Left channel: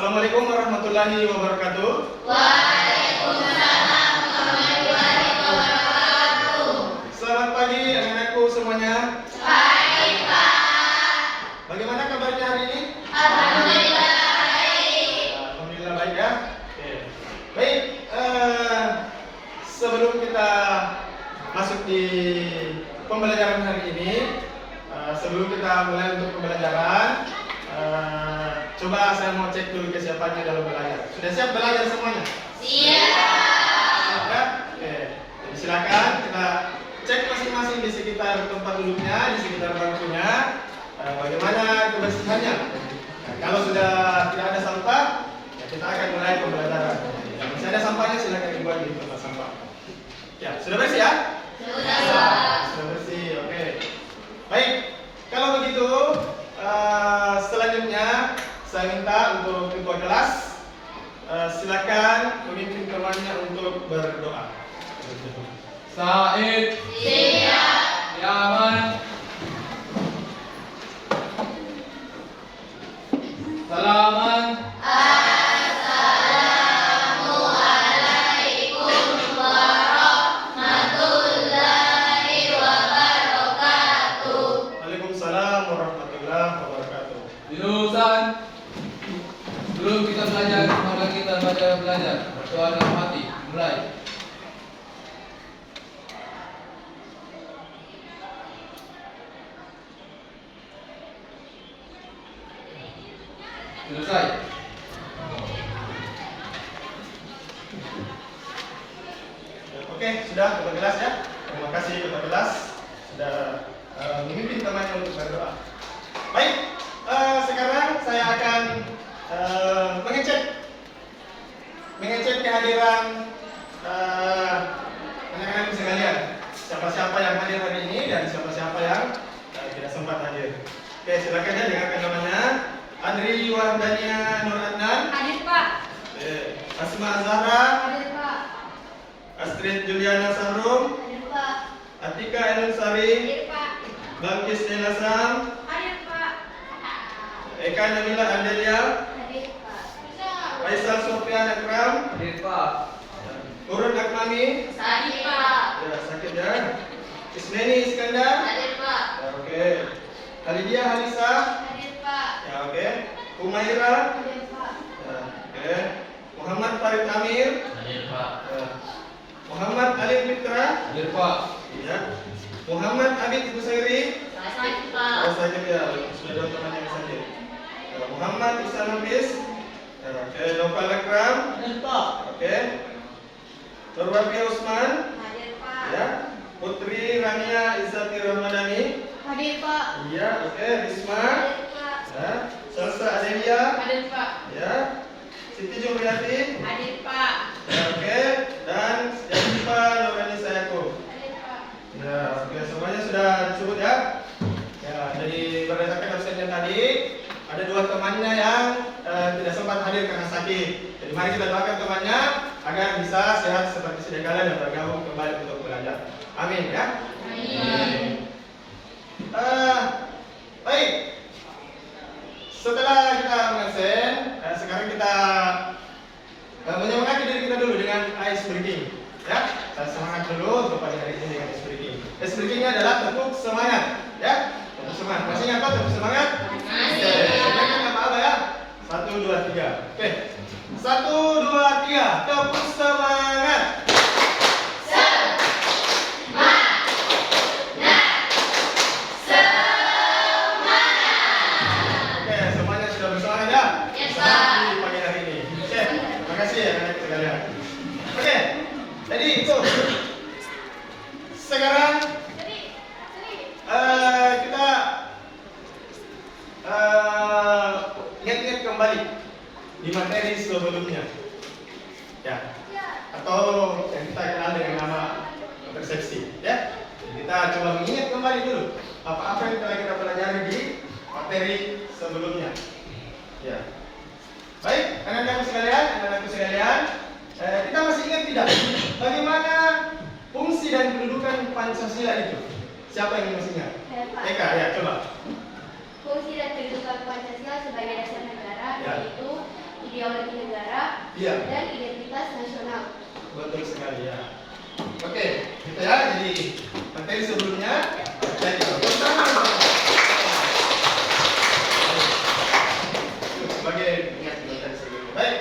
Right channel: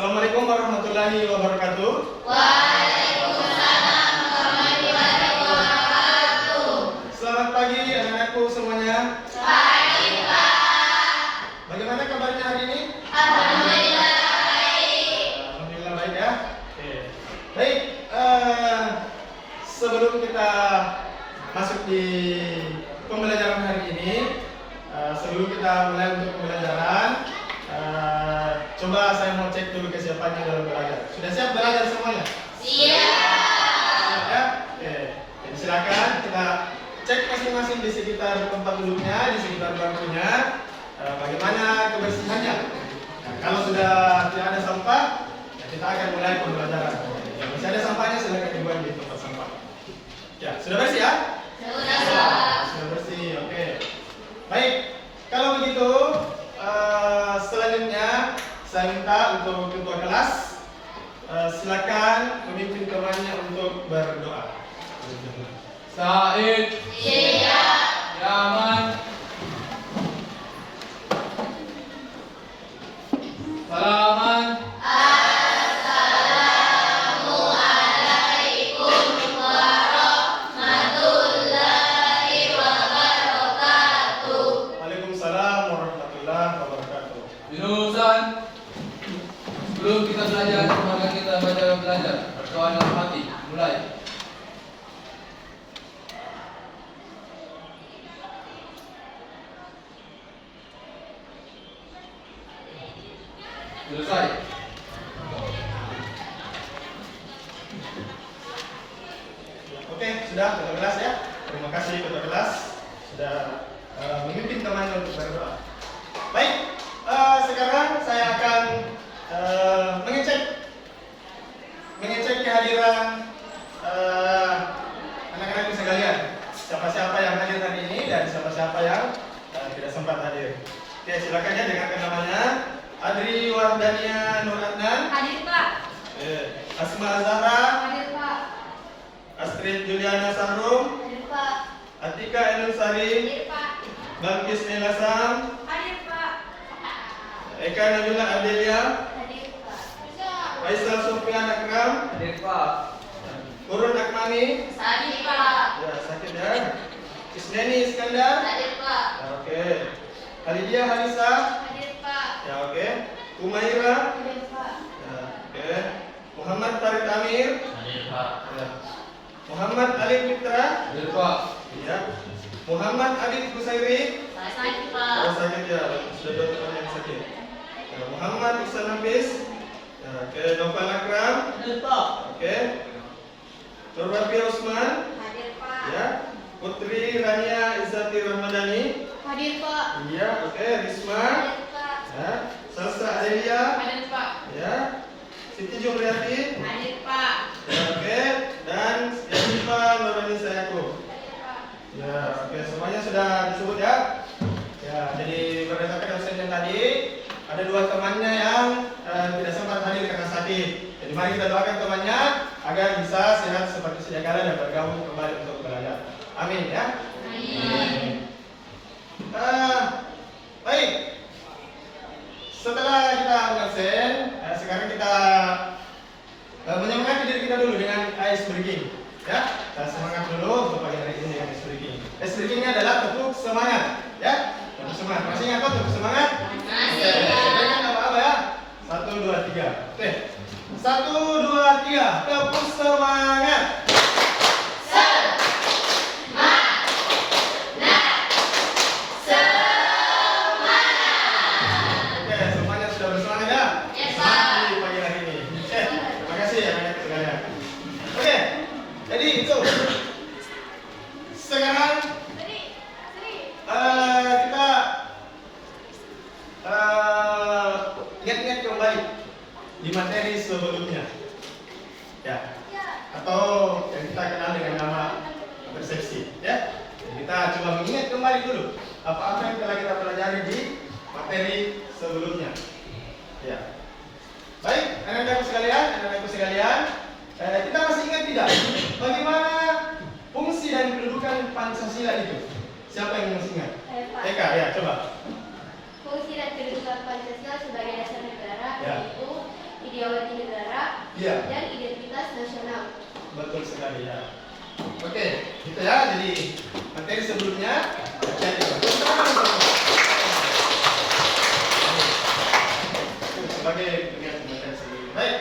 Assalamualaikum warahmatullahi wabarakatuh. Waalaikumsalam warahmatullahi wabarakatuh. Selamat pagi anak-anakku semuanya. Baik, Pak. Bagaimana kabarnya hari ini? Alhamdulillah baik. Alhamdulillah baik ya. Oke. Baik, sebelum kita masuk di pembelajaran hari ini, sebelum kita mulai untuk pembelajaran, coba saya mau cek dulu kesiapannya dalam belajar. Sudah siap belajar semuanya? Siap. Ya? Oke. Jadi silakan kita cek masing-masing di sekitar tempat duduknya, di sekitar bangkunya, bagaimana kebersihannya. Nah, kalau sudah tidak ada sampah, ya kita akan mulai pembelajaran. Yang masih ada sampahnya silakan dibuang di tempat sampah. Ya, sudah bersih ya? Sudah bersih. Oke. Baik. Kalau begitu, selanjutnya saya minta untuk ketua kelas silakan memimpin temannya untuk berdoa. Said, Siap. Yaman, Salaman, Assalamualaikum warahmatullahi wabarakatuh. Waalaikumsalam warahmatullahi wabarakatuh. jurusan. Sebelum kita belajar, maka kita belajar. Berdoa dalam hati. Mulai. Selesai. Oke, sudah ketua kelas ya. Terima kasih ketua kelas sudah memimpin temannya untuk berdoa. Baik, sekarang saya akan mengecek kehadiran anak-anak sekalian. Siapa-siapa yang hadir hari ini dan siapa-siapa yang tidak sempat hadir. Oke, silakan ya dengarkan namanya. Adri Wardania Nur Adnan, Hadir, Pak. Asma Azhara, Hadir, Pak. Astrid Juliana Samrum, Hadir, Pak. Atika Enul Sari, Hadir, Pak. Balkis Nela Sam, Hadir, Pak. Eka Nabila Adelia, Hadir, Pak. Faisal Sofyan Akram, Hadir Pak. Urun Akmami, Hadir, Pak. ya sakit ya, Isneni Iskandar, Hadir, Pak. ya, oke, Halidia Halisa, Hadir, Pak. ya oke, Umaira, Hadir, Pak. ya oke, Muhammad Farid Amir, Hadir Pak. ya. Muhammad Alif Fitra, Hadir Pak. ya, Muhammad Abid Busairi, Sakit, Pak. oh sakit ya, sudah dua teman yang sakit. Ya, Muhammad Ihsan Nafis, ya, oke, Noval Akram, Hadir Pak. oke, Nurwafi Usman, Hadir, Pak. ya, Putri Rania Izzati Ramadhani, Hadir, Pak. iya, oke, Risma, Hadir, Pak. ya, Salsa Adelia, Hadir, Pak. ya, Siti Jumriyati, Hadir, Pak. ya, oke, dan Yasifa Nurani Sayako. Hadir, Pak. Ya, oke, semuanya sudah disebut ya. Ya, jadi berdasarkan absennya tadi, ada dua temannya yang tidak sempat hadir karena sakit. Jadi mari kita doakan temannya agar bisa sehat seperti sedia kala dan bergabung kembali untuk belajar. Amin ya. Amin. Baik. Setelah kita mengabsen, sekarang kita menyemangati diri kita dulu dengan ice breaking. Ya, saya semangat dulu untuk pagi hari ini dengan ice breaking. Ice breakingnya adalah tepuk semangat. Ya, tepuk semangat. Masih ingat kan tepuk semangat? Masih. Oke, kan apa-apa ya. 1, 2, 3. Oke. 1, 2, 3. Tepuk semangat. Oke, semuanya sudah bersemangat ya? Yes, Semangat di pagi hari ini. Oke, terima kasih ya anak-anak sekalian. Oke, jadi itu. Sekarang kita ingat-ingat kembali di materi sebelumnya, ya, atau yang kita kenal dengan nama persepsi, ya. Jadi kita coba mengingat kembali dulu apa-apa yang telah kita pelajari di materi sebelumnya, ya. Baik, anak-anakku sekalian, kita masih ingat tidak bagaimana fungsi dan kedudukan Pancasila itu? Siapa yang masih ingat? Eka, ya coba. Fungsi dan kedudukan Pancasila sebagai dasar negara Ya. yaitu ideologi negara, Iya. dan identitas nasional. Betul sekali ya. Oke, gitu ya. Jadi materi sebelumnya dan sebagai materi sebelumnya. Baik.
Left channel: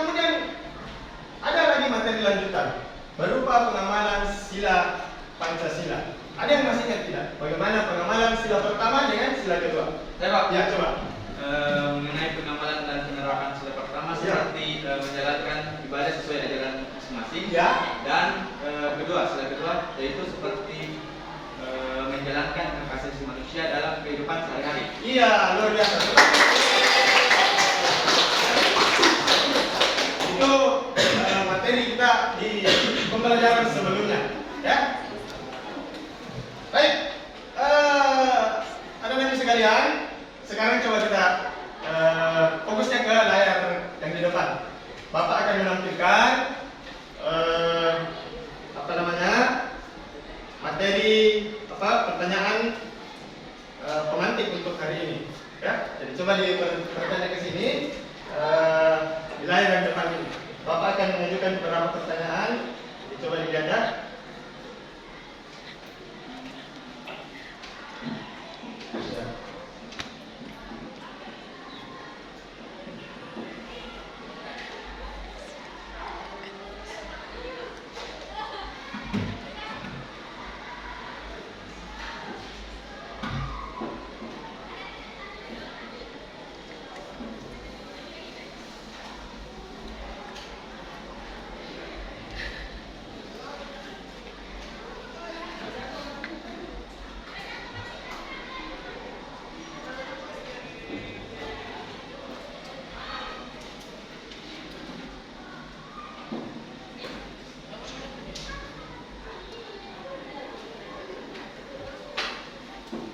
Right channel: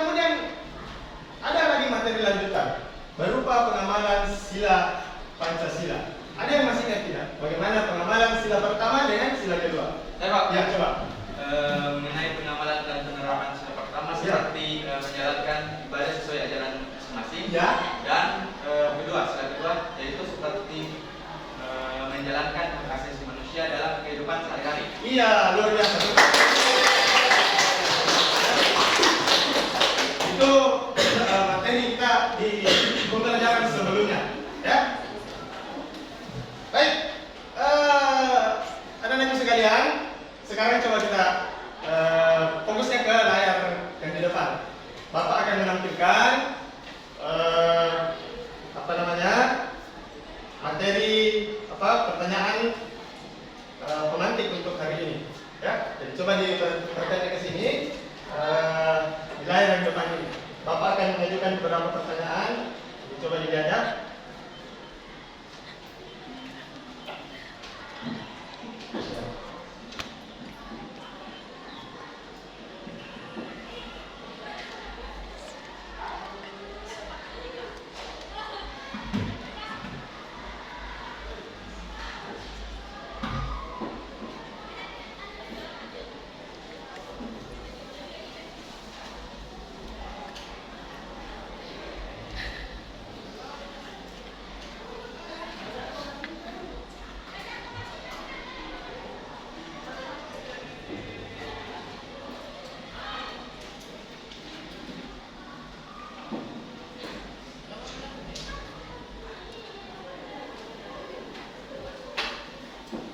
Kemudian ada lagi materi lanjutan berupa pengamalan sila Pancasila. Ada yang masih ingat tidak? Bagaimana pengamalan sila pertama dengan sila kedua? Pak. Ya, coba. Mengenai pengamalan dan penerapan sila pertama Ya. seperti menjalankan ibadah sesuai ajaran masing-masing. Ya. Dan sila kedua yaitu seperti menjalankan hak asasi manusia dalam kehidupan sehari-hari. Iya, luar biasa. Itu materi kita di pembelajaran sebelumnya, ya. Baik, ada lagi sekalian. Sekarang coba kita fokusnya ke layar yang di depan. Bapak akan menampilkan materi pertanyaan pemantik untuk hari ini. Ya, jadi coba dipertanya ke sini di layar yang depan ini. Bapak akan mengajukan beberapa pertanyaan. Jadi, coba dilihat ya.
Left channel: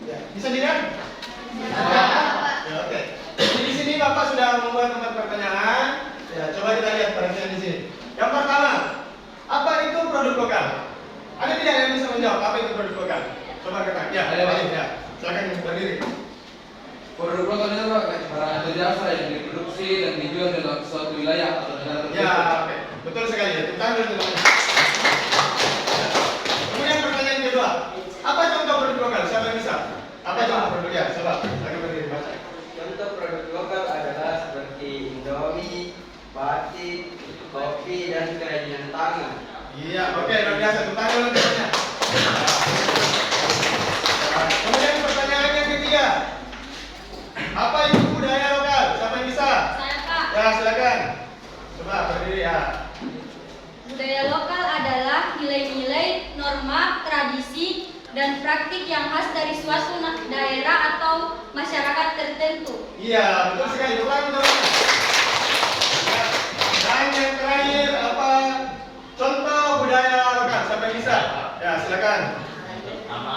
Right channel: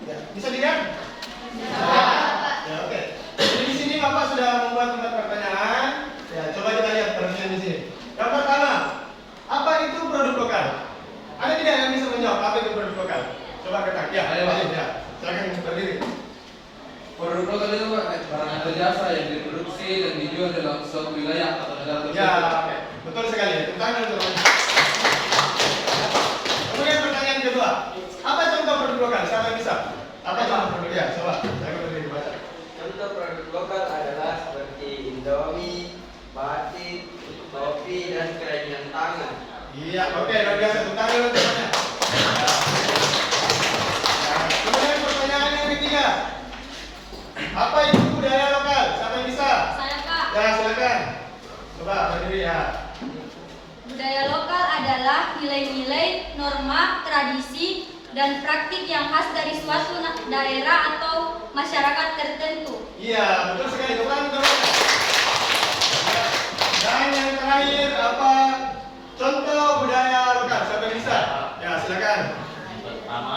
Ya, bisa dilihat? Ya, oke. Jadi di sini Bapak sudah membuat tempat pertanyaan. Ya, coba kita lihat pertanyaan di sini. Yang pertama, apa itu produk lokal? Ada tidak yang bisa menjawab apa itu produk lokal? Coba katakan. Ya, ada Pak. Ya, silakan berdiri. Produk lokal itu Pak, barang atau jasa yang diproduksi dan dijual dalam suatu wilayah atau negara tertentu. Ya, oke. Betul sekali ya. Tentang dan teman-teman. Kemudian pertanyaan kedua, apa contoh produk lokal? Siapa yang bisa? Apa contoh produk ya? Coba, silakan berdiri baca. Contoh produk lokal adalah seperti Indomie, batik, kopi, dan kerajinan tangan. Iya, oke, luar biasa. Tentang dan teman-teman. Kemudian pertanyaan yang ketiga, apa itu budaya lokal? Siapa yang bisa? Saya, Pak. Ya, silakan. Coba berdiri ya. Budaya lokal adalah nilai-nilai, norma, tradisi, dan praktik yang khas dari suatu daerah atau masyarakat tertentu. Iya, betul sekali. Ulangi teman-teman. Ya. Dan yang terakhir apa? Contoh budaya lokal. Siapa yang bisa? Ya, silakan. Yang pertama,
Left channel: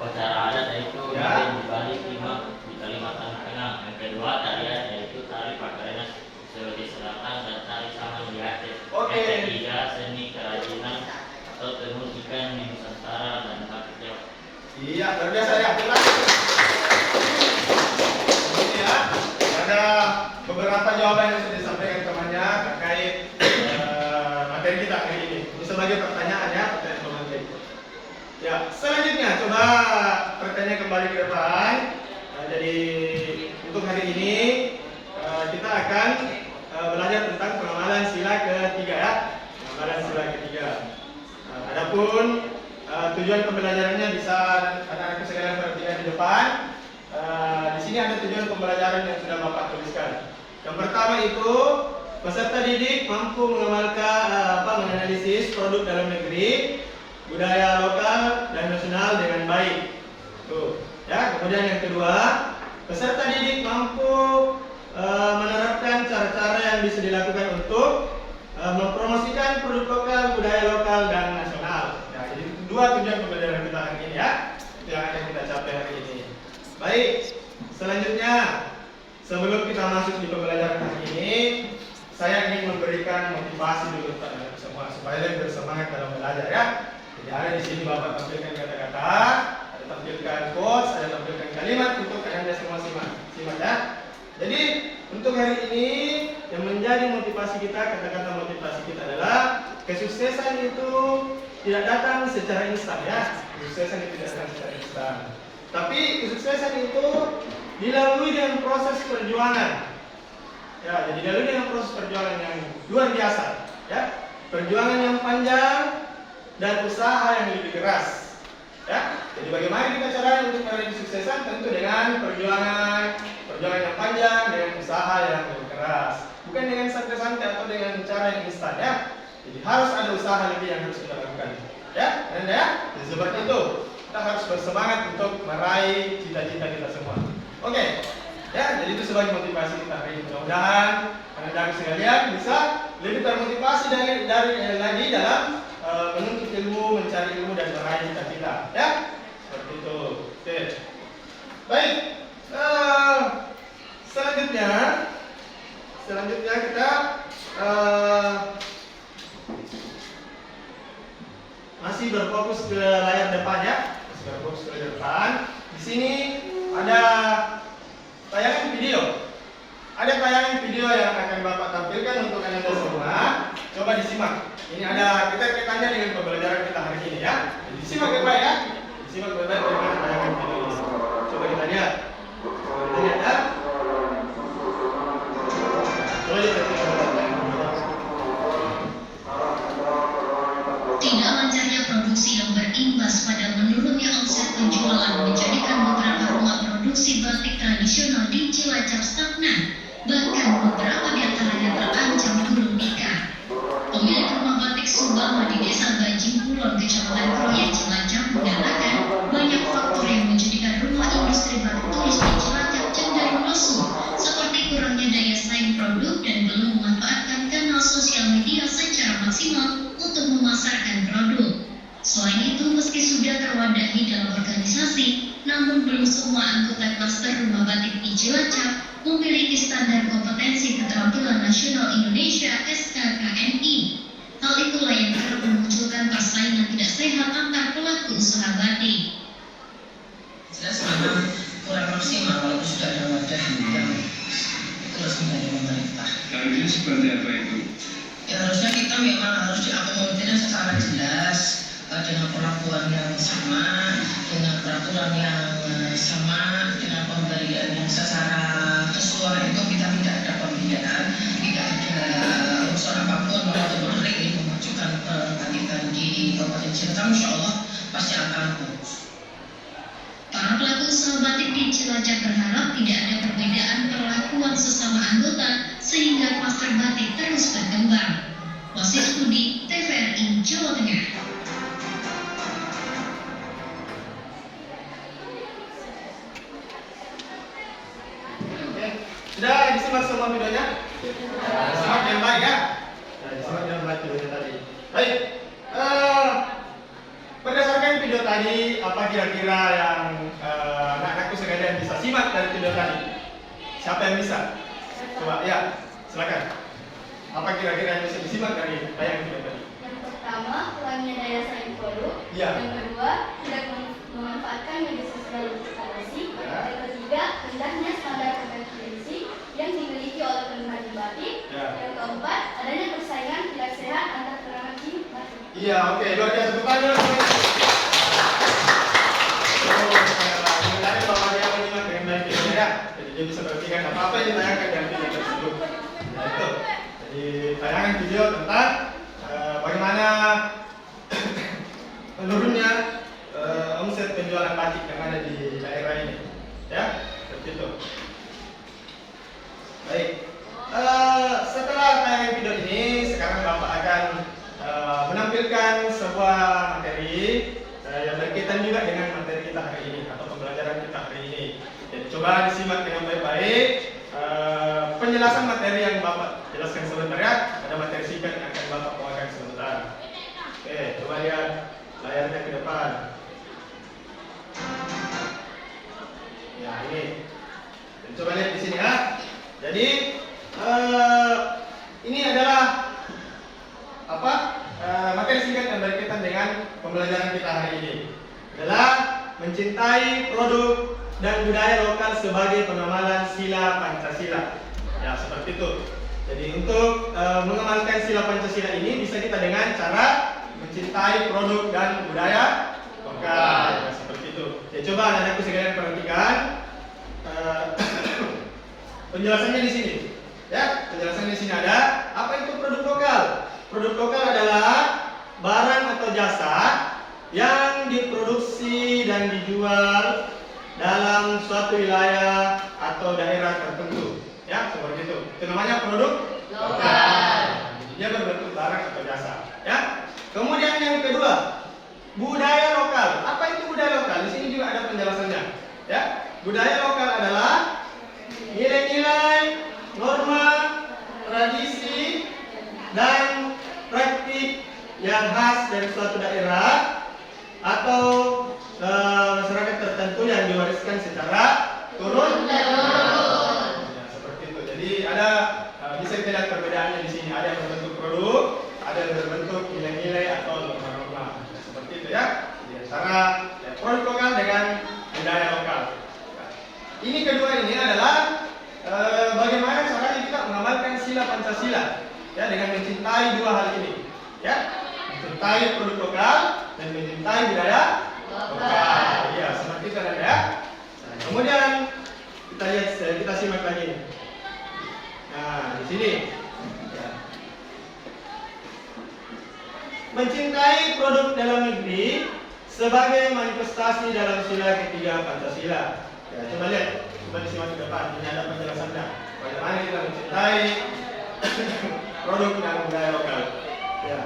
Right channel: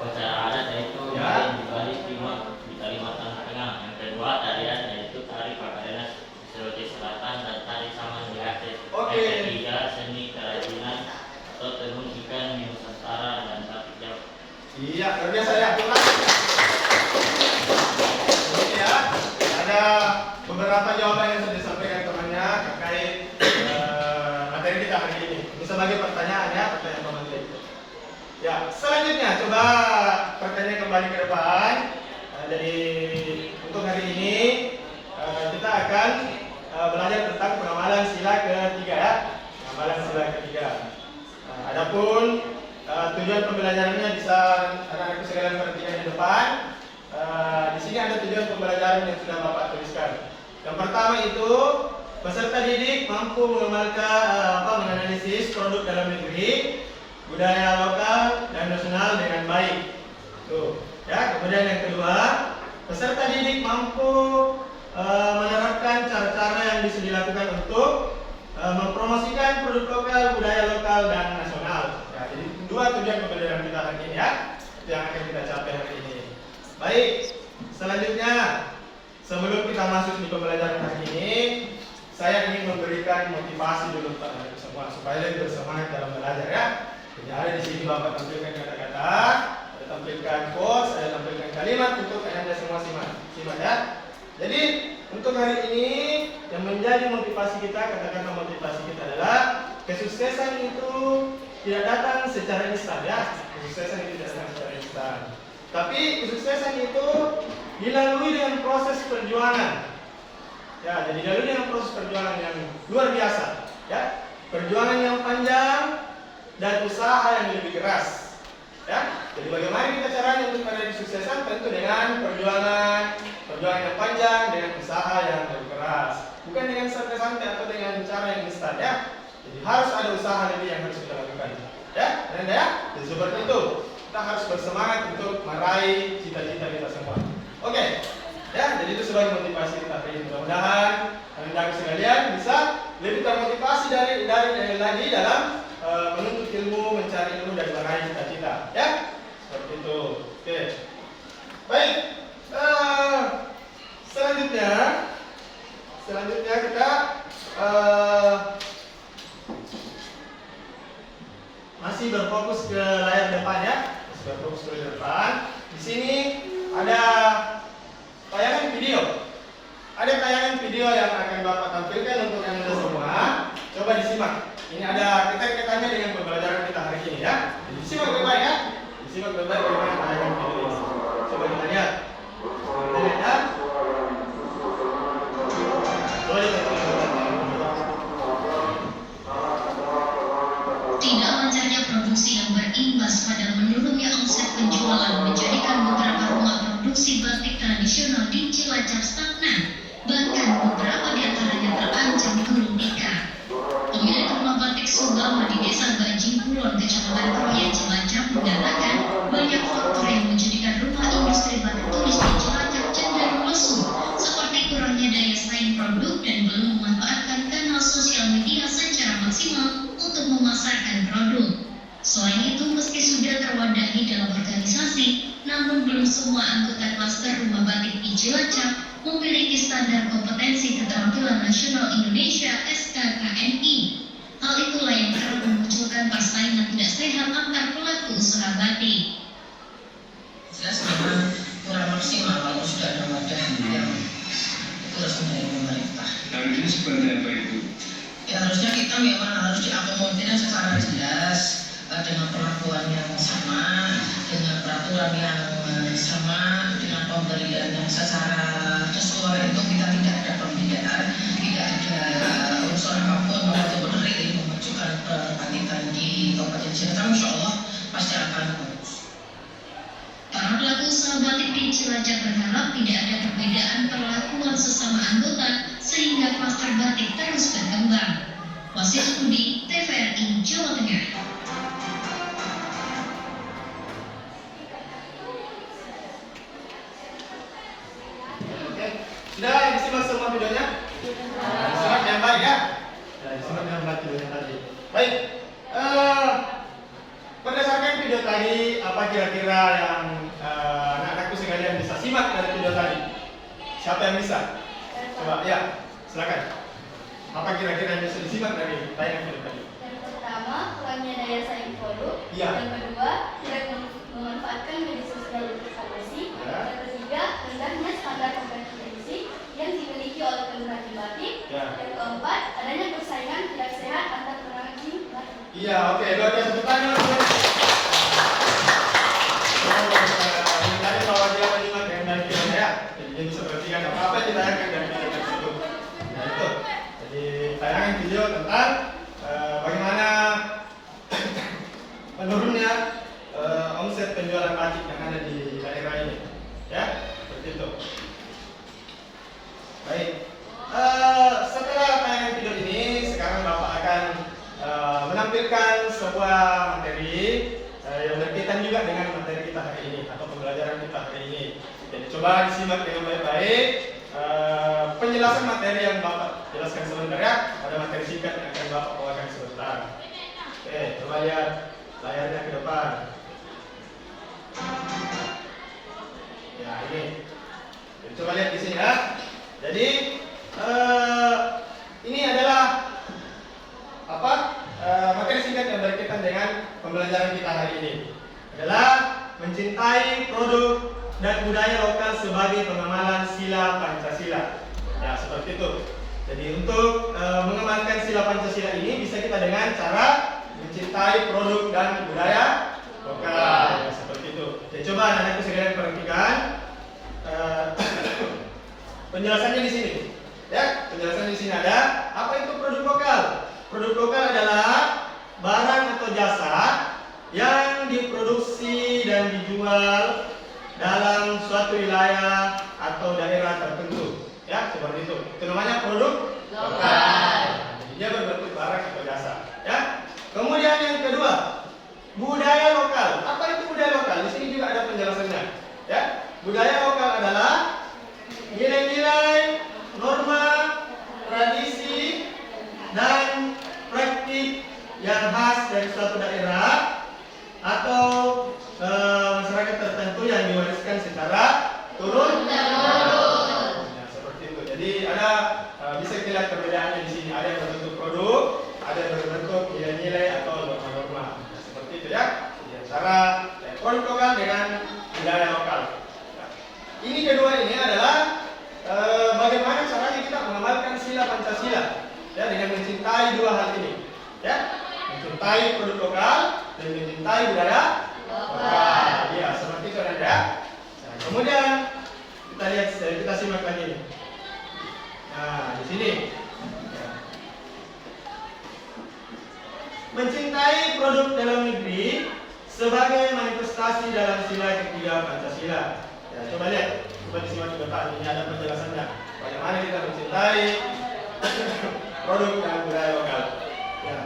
upacara adat yaitu Ya. di Bali di Kalimantan Tengah. Yang kedua, tarian yaitu tari Pakarenas Sulawesi Selatan dan tari Saman di Aceh. Oke. Yang ketiga, seni kerajinan atau tenun ikan di Nusantara dan batik Jawa. Iya, luar biasa ya. Ulangi. Ini ya, ada beberapa jawaban yang sudah disampaikan temannya terkait materi kita hari ini. Ini sebagai pertanyaan ya, pertanyaan pemantik. Ya, selanjutnya coba pertanyaan kembali ke depan. Jadi untuk hari ini kita akan belajar tentang pengamalan sila ketiga ya. Pengamalan sila ketiga. Adapun tujuan pembelajarannya bisa anak-anak sekalian perhatikan di depan. Di sini ada tujuan pembelajaran yang sudah Bapak tuliskan. Yang pertama itu peserta didik mampu menganalisis produk dalam negeri, budaya lokal dan nasional dengan baik. Tuh, ya. Kemudian yang kedua, peserta didik mampu menerapkan cara-cara yang bisa dilakukan untuk mempromosikan produk lokal, budaya lokal dan nasional. Ya, jadi dua tujuan pembelajaran kita hari ini ya, itu yang akan kita capai hari ini. Baik, selanjutnya sebelum kita masuk di pembelajaran hari ini, saya ingin memberikan motivasi dulu kepada semua supaya lebih bersemangat dalam belajar ya. Jadi ada di sini Bapak tampilkan kata-kata, ada tampilkan quotes, ada tampilkan kalimat untuk Anda semua simak ya. Jadi untuk hari ini kesuksesan itu tidak datang secara instan ya. Kesuksesan itu tidak datang secara instan. Tapi kesuksesan itu dilalui dengan proses perjuangan. Ya, jadi dilalui dengan proses perjuangan yang luar biasa. Ya, perjuangan yang panjang dan usaha yang lebih keras. Ya, jadi bagaimana kita caranya untuk meraih kesuksesan? Tentu dengan perjuangan yang panjang, dengan usaha yang lebih keras. Bukan dengan santai-santai atau dengan cara yang instan ya. Jadi harus ada usaha lebih yang harus kita lakukan. Ya, dan ya, jadi seperti itu. Kita harus bersemangat untuk meraih cita-cita kita semua. Oke, ya, jadi itu sebagai motivasi kita hari ini. Mudah-mudahan teman-teman sekalian bisa lebih termotivasi dari lagi dalam menuntut ilmu, mencari ilmu dan meraih cita-cita. Ya, seperti itu. Oke, baik. Selanjutnya kita masih berfokus ke layar depan ya. Masih berfokus ke layar depan. Di sini ada tayangan video. Ada tayangan video yang akan Bapak tampilkan untuk Anda semua. Coba disimak. Ini ada kaitannya dengan pembelajaran kita hari ini ya. Disimak baik-baik ya. Disimak baik-baik bagaimana tayangan video ini. Coba kita lihat. Kita lihat ya. Tidak lancarnya produksi yang berimbas pada menurunnya omset penjualan menjadikan beberapa rumah produksi batik tradisional di Cilacap stagnan. Bahkan beberapa di antaranya terancam gulung tikar. Pemilik rumah batik Subama di Desa Bajing Kulon, Kecamatan Kroya, Cilacap mengatakan banyak faktor yang menjadikan rumah industri batik tulis di Cilacap cenderung lesu, seperti kurangnya daya saing produk dan belum memanfaatkan kanal sosial media secara maksimal untuk memasarkan produk. Selain itu, meski sudah terwadahi dalam organisasi, namun belum semua anggota klaster rumah batik di Cilacap memiliki standar kompetensi keterampilan nasional Indonesia (SKKNI). Hal itulah yang kerap memunculkan persaingan tidak sehat antar pelaku usaha batik. Jelas memang kurang maksimal walaupun sudah ada wadah yang itu resmi dari pemerintah. Harusnya seperti apa itu? Ya harusnya kita memang harus diakomodirnya secara jelas dengan perlakuan yang sama, dengan peraturan yang sama, dengan pemberian yang secara sesuai. Itu kita tidak ada pembedaan, tidak ada unsur apapun untuk menarik memajukan kebangkitan di Kabupaten Cilacap. Insya Allah pasti akan bagus. Para pelaku usaha batik di Cilacap berharap tidak ada perbedaan perlakuan sesama anggota sehingga klaster batik terus berkembang. Wasit Budi, TVRI Jawa Tengah. Oke, sudah disimak semua videonya? Disimak yang baik ya? Ya, disimak yang baik videonya tadi. Baik, berdasarkan video tadi, apa kira-kira yang anak-anakku sekalian bisa simak dari video tadi? Siapa yang bisa? Coba, ya, silakan. Apa kira-kira yang bisa disimak dari tayangan video tadi? Yang pertama, kurangnya daya saing produk. Iya. Yang kedua, tidak memanfaatkan media sosial untuk promosi. Ya. Yang ketiga, rendahnya standar kompetensi yang dimiliki oleh pengrajin batik. Ya. Yang keempat, adanya persaingan tidak sehat antar pengrajin batik. Iya, oke, luar biasa. Tepuk tangan. Tadi bahwa dia menyimak dengan baik videonya ya. Jadi dia bisa perhatikan apa-apa yang ditayangkan dari video tersebut. Nah itu. Jadi tayangan video tentang bagaimana menurunnya omset penjualan batik yang ada di daerah ini, ya seperti itu. Baik, setelah tayangan video ini, sekarang Bapak akan menampilkan sebuah materi yang berkaitan juga dengan materi kita hari ini atau pembelajaran kita hari ini. Jadi coba disimak dengan baik-baik. Penjelasan materi yang Bapak jelaskan sebentar ya. Ada materi singkat yang akan Bapak bawakan sebentar. Oke, coba lihat layarnya ke depan. Ya ini. Dan coba lihat di sini ya. Jadi ini adalah apa? Materi singkat yang berkaitan dengan pembelajaran kita hari ini. Adalah mencintai produk dan budaya lokal sebagai pengamalan sila Pancasila. Ya, seperti itu. Jadi untuk mengamalkan sila Pancasila ini bisa kita dengan cara mencintai produk dan budaya lokal. Ya, seperti itu. Ya, coba anak-anakku sekalian perhatikan penjelasannya di sini. Ya, penjelasan di sini ada apa itu produk lokal. Produk lokal adalah barang atau jasa yang diproduksi dan dijual dalam suatu wilayah atau daerah tertentu. Ya, seperti itu. Itu namanya produk lokal. Jadi dia berbentuk barang atau jasa. Ya. Kemudian yang kedua, budaya lokal. Apa itu budaya lokal? Di sini juga ada penjelasannya. Ya, budaya lokal adalah nilai-nilai, norma, tradisi, dan praktik yang khas dari suatu daerah atau masyarakat tertentu yang diwariskan secara turun temurun. Ya, seperti itu. Jadi ada bisa kita lihat perbedaannya di sini. Ada yang berbentuk produk, ada yang berbentuk nilai-nilai atau norma-norma. Ya, seperti itu ya. Jadi antara produk lokal dengan budaya lokal. Ya. Ini kedua ini adalah bagaimana caranya kita mengamalkan sila Pancasila. Ya, dengan mencintai dua hal ini. Ya, mencintai produk lokal dan mencintai budaya lokal. Ya, seperti itu ada. Ya. Nah, kemudian kita lihat, kita simak lagi. Nah, di sini. Ya. Mencintai produk dalam negeri sebagai manifestasi dalam sila ketiga Pancasila. Ya, coba lihat, coba disimak ke depan. Ini ada penjelasannya. Bagaimana kita mencintai produk dan budaya lokal. Ya.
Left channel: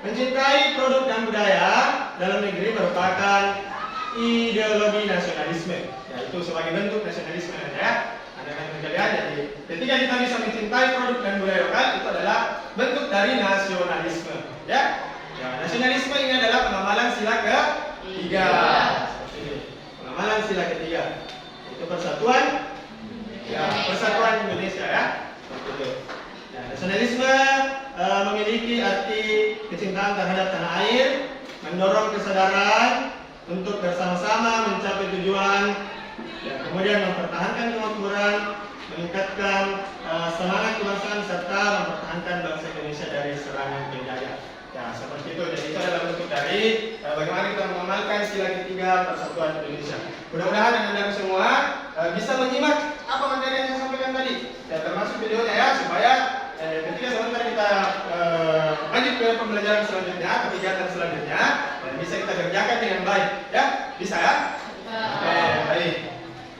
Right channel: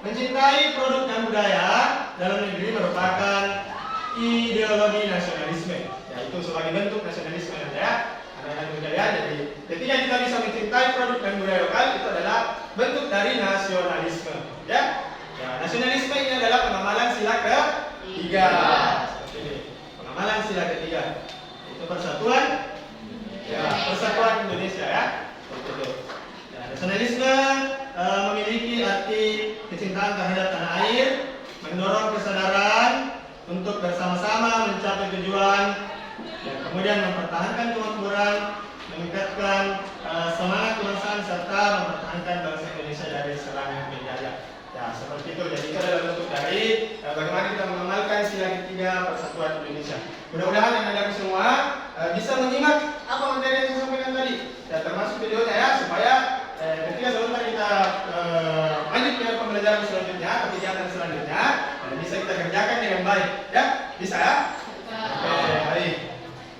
Mencintai produk dan budaya dalam negeri merupakan ideologi nasionalisme. Ya, itu sebagai bentuk nasionalisme ya. Anak-anak sekalian, jadi ketika kita bisa mencintai produk dan budaya lokal itu adalah bentuk dari nasionalisme. Ya. Ya, nasionalisme ini adalah pengamalan sila ketiga. Seperti ini. Pengamalan sila ketiga. Itu persatuan. Ya, persatuan Indonesia ya. Seperti itu. Ya, nasionalisme memiliki arti kecintaan terhadap tanah air, mendorong kesadaran untuk bersama-sama mencapai tujuan, dan kemudian mempertahankan kemakmuran, meningkatkan semangat kebangsaan serta mempertahankan bangsa Indonesia dari serangan penjajah. Ya, seperti itu. Jadi itu adalah bentuk dari bagaimana kita mengamalkan sila ketiga persatuan Indonesia. Mudah-mudahan anak-anak semua bisa menyimak apa materi yang saya sampaikan tadi. Ya, termasuk videonya ya, supaya ketika sebentar kita lanjut ke pembelajaran selanjutnya, kegiatan selanjutnya, bisa kita kerjakan dengan baik. Ya, bisa ya? Oke, baik.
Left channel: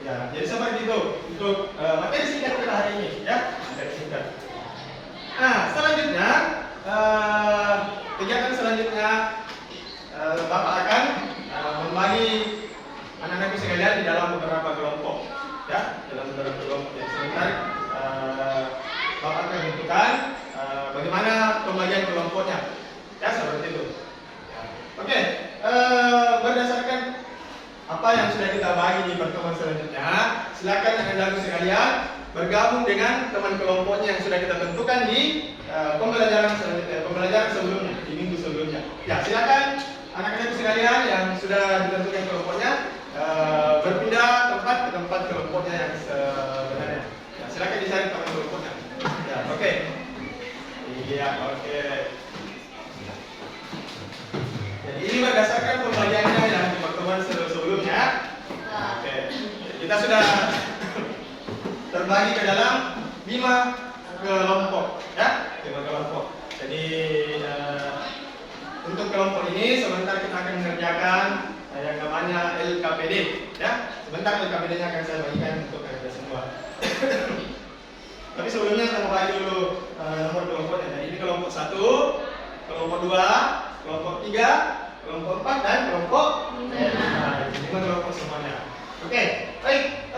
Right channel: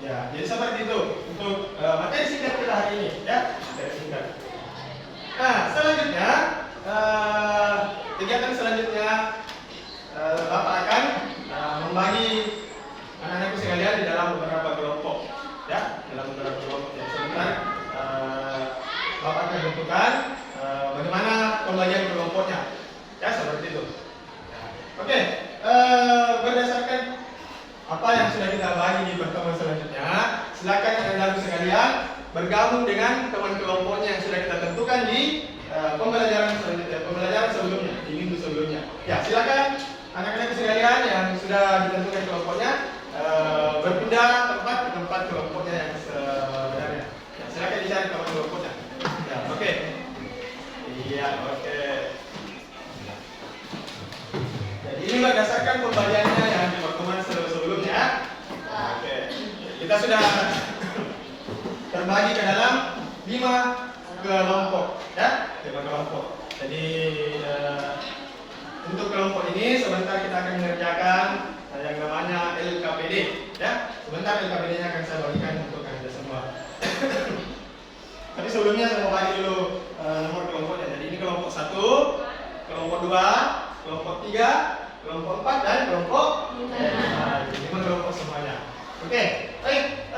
Ya, jadi seperti itu untuk materi singkat kita hari ini. Ya, materi singkat. Nah, selanjutnya kegiatan selanjutnya Bapak akan membagi anak-anakku sekalian di dalam beberapa kelompok. Ya, dalam beberapa kelompok. Jadi sebentar Bapak akan tentukan bagaimana pembagian kelompoknya. Ya, seperti itu. Oke, berdasarkan apa yang sudah kita bagi di pertemuan selanjutnya, silakan anak-anakku sekalian bergabung dengan teman kelompoknya yang sudah kita tentukan di pembelajaran selanjutnya, pembelajaran sebelumnya, di minggu sebelumnya. Ya, silakan anak-anakku sekalian yang sudah ditentukan kelompoknya berpindah tempat ke tempat kelompoknya yang sebenarnya. Ya, silakan dicari teman kelompoknya. Ya, oke. Iya, oke. Jadi ini berdasarkan pembagiannya yang di pertemuan sebelumnya. Oke. Kita sudah terbagi ke dalam 5 kelompok, ya, 5 kelompok. Jadi untuk kelompok ini sebentar kita akan mengerjakan yang namanya LKPD, ya. Sebentar LKPD-nya akan saya bagikan untuk Anda semua. Tapi sebelumnya saya mau bagi dulu nomor kelompoknya. Jadi ini kelompok 1, kelompok 2, kelompok 3, kelompok 4 dan kelompok 5. 5 kelompok semuanya. Oke, baik,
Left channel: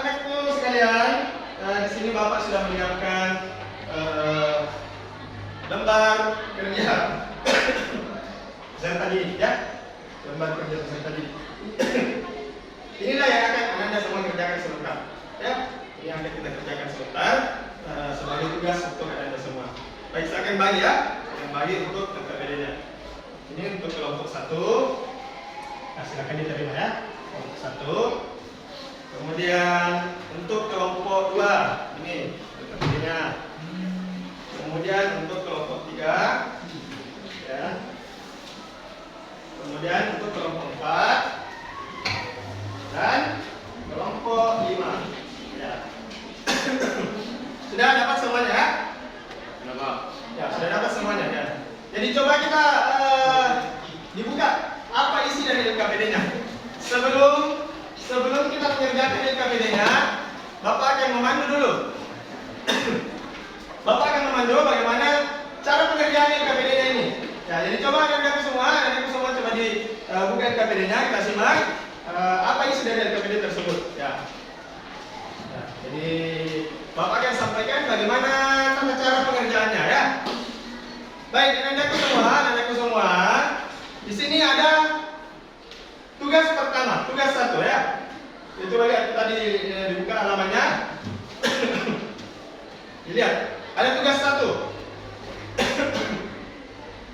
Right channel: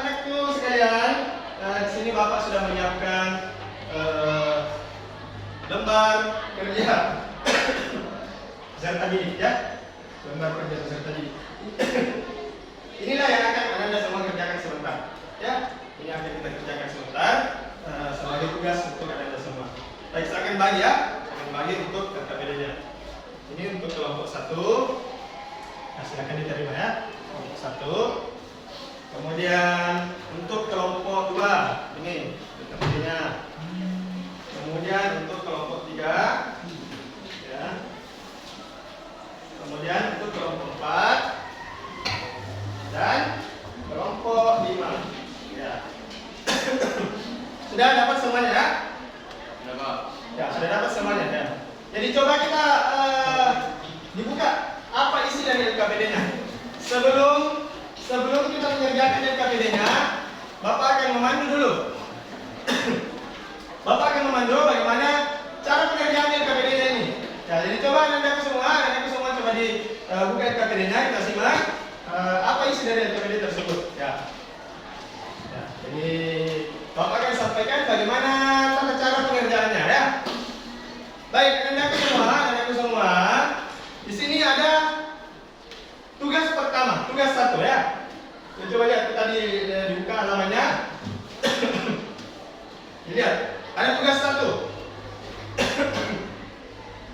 anakku sekalian, di sini Bapak sudah menyiapkan lembar kerja peserta didik, ya, lembar kerja peserta didik. Inilah yang akan Anda semua kerjakan sebentar, ya. Ini akan kita kerjakan sebentar sebagai tugas untuk Anda semua. Baik, saya akan bagi ya, akan bagi untuk KPD-nya. Ini untuk kelompok 1. Nah, silakan diterima ya. Kelompok 1. Kemudian untuk kelompok 2 ini KPD-nya. Kemudian untuk kelompok 3 ya. Kemudian untuk kelompok 4 dan kelompok 5. Ya. Sudah dapat semuanya ya? Ya, sudah dapat semuanya ya. Jadi coba kita dibuka apa isi dari LKPD-nya. Sebelum kita mengerjakan LKPD-nya, Bapak akan memandu dulu. Bapak akan memandu bagaimana cara pengerjaan LKPD-nya ini. Ya, jadi coba nanti semua coba dibuka LKPD-nya, kita simak apa isi dari LKPD tersebut. Ya. Ya, jadi Bapak akan sampaikan bagaimana tata cara pengerjaannya ya. Baik, anakku semua. Di sini ada tugas pertama, tugas 1 ya. Ya, coba lihat tadi dibuka halamannya. Dilihat, ada tugas 1.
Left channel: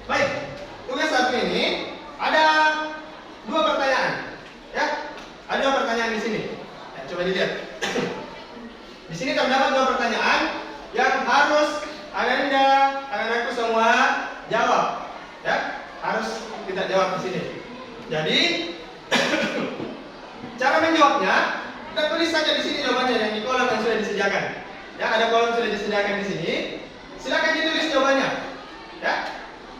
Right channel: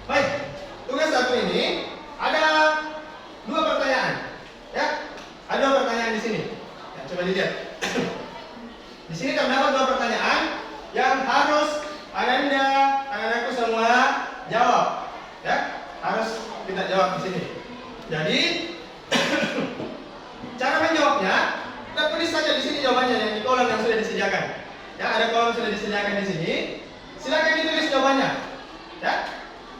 Baik, tugas 1 ini ada 2 pertanyaan. Ya, ada 2 pertanyaan di sini. Ya, coba dilihat. Di sini terdapat 2 pertanyaan yang harus Anda, anak-anakku semua jawab. Ya, harus kita jawab di sini. Jadi cara menjawabnya, kita tulis saja di sini jawabannya yang di kolom yang sudah disediakan. Ya, ada kolom sudah disediakan di sini. Silakan ditulis jawabannya. Ya,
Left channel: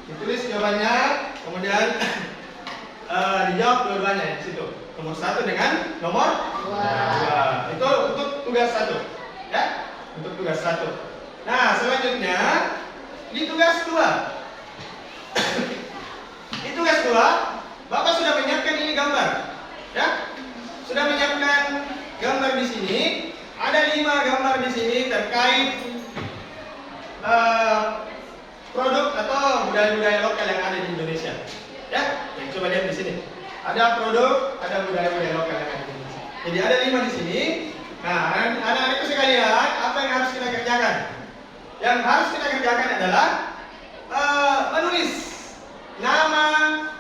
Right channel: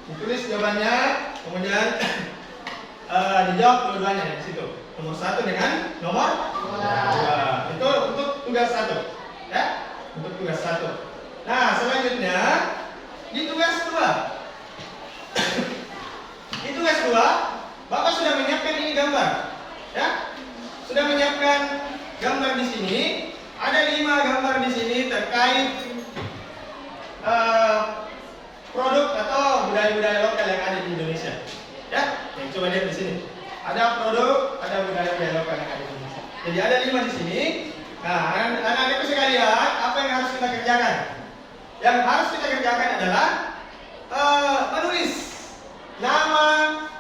ditulis jawabannya, kemudian dijawab dua-duanya di situ. Nomor 1 dengan nomor 2. Itu untuk tugas 1. Ya, untuk tugas 1. Nah, selanjutnya di tugas 2. Di tugas 2, Bapak sudah menyiapkan ini gambar. Ya, sudah menyiapkan gambar di sini. Ada 5 gambar di sini terkait produk atau budaya-budaya lokal yang ada di Indonesia. Ya, coba lihat di sini. Ada produk, ada budaya-budaya lokal yang ada di Indonesia. Jadi ada 5 di sini. Nah, anak-anakku sekalian, apa yang harus kita kerjakan? Yang harus kita kerjakan adalah menulis nama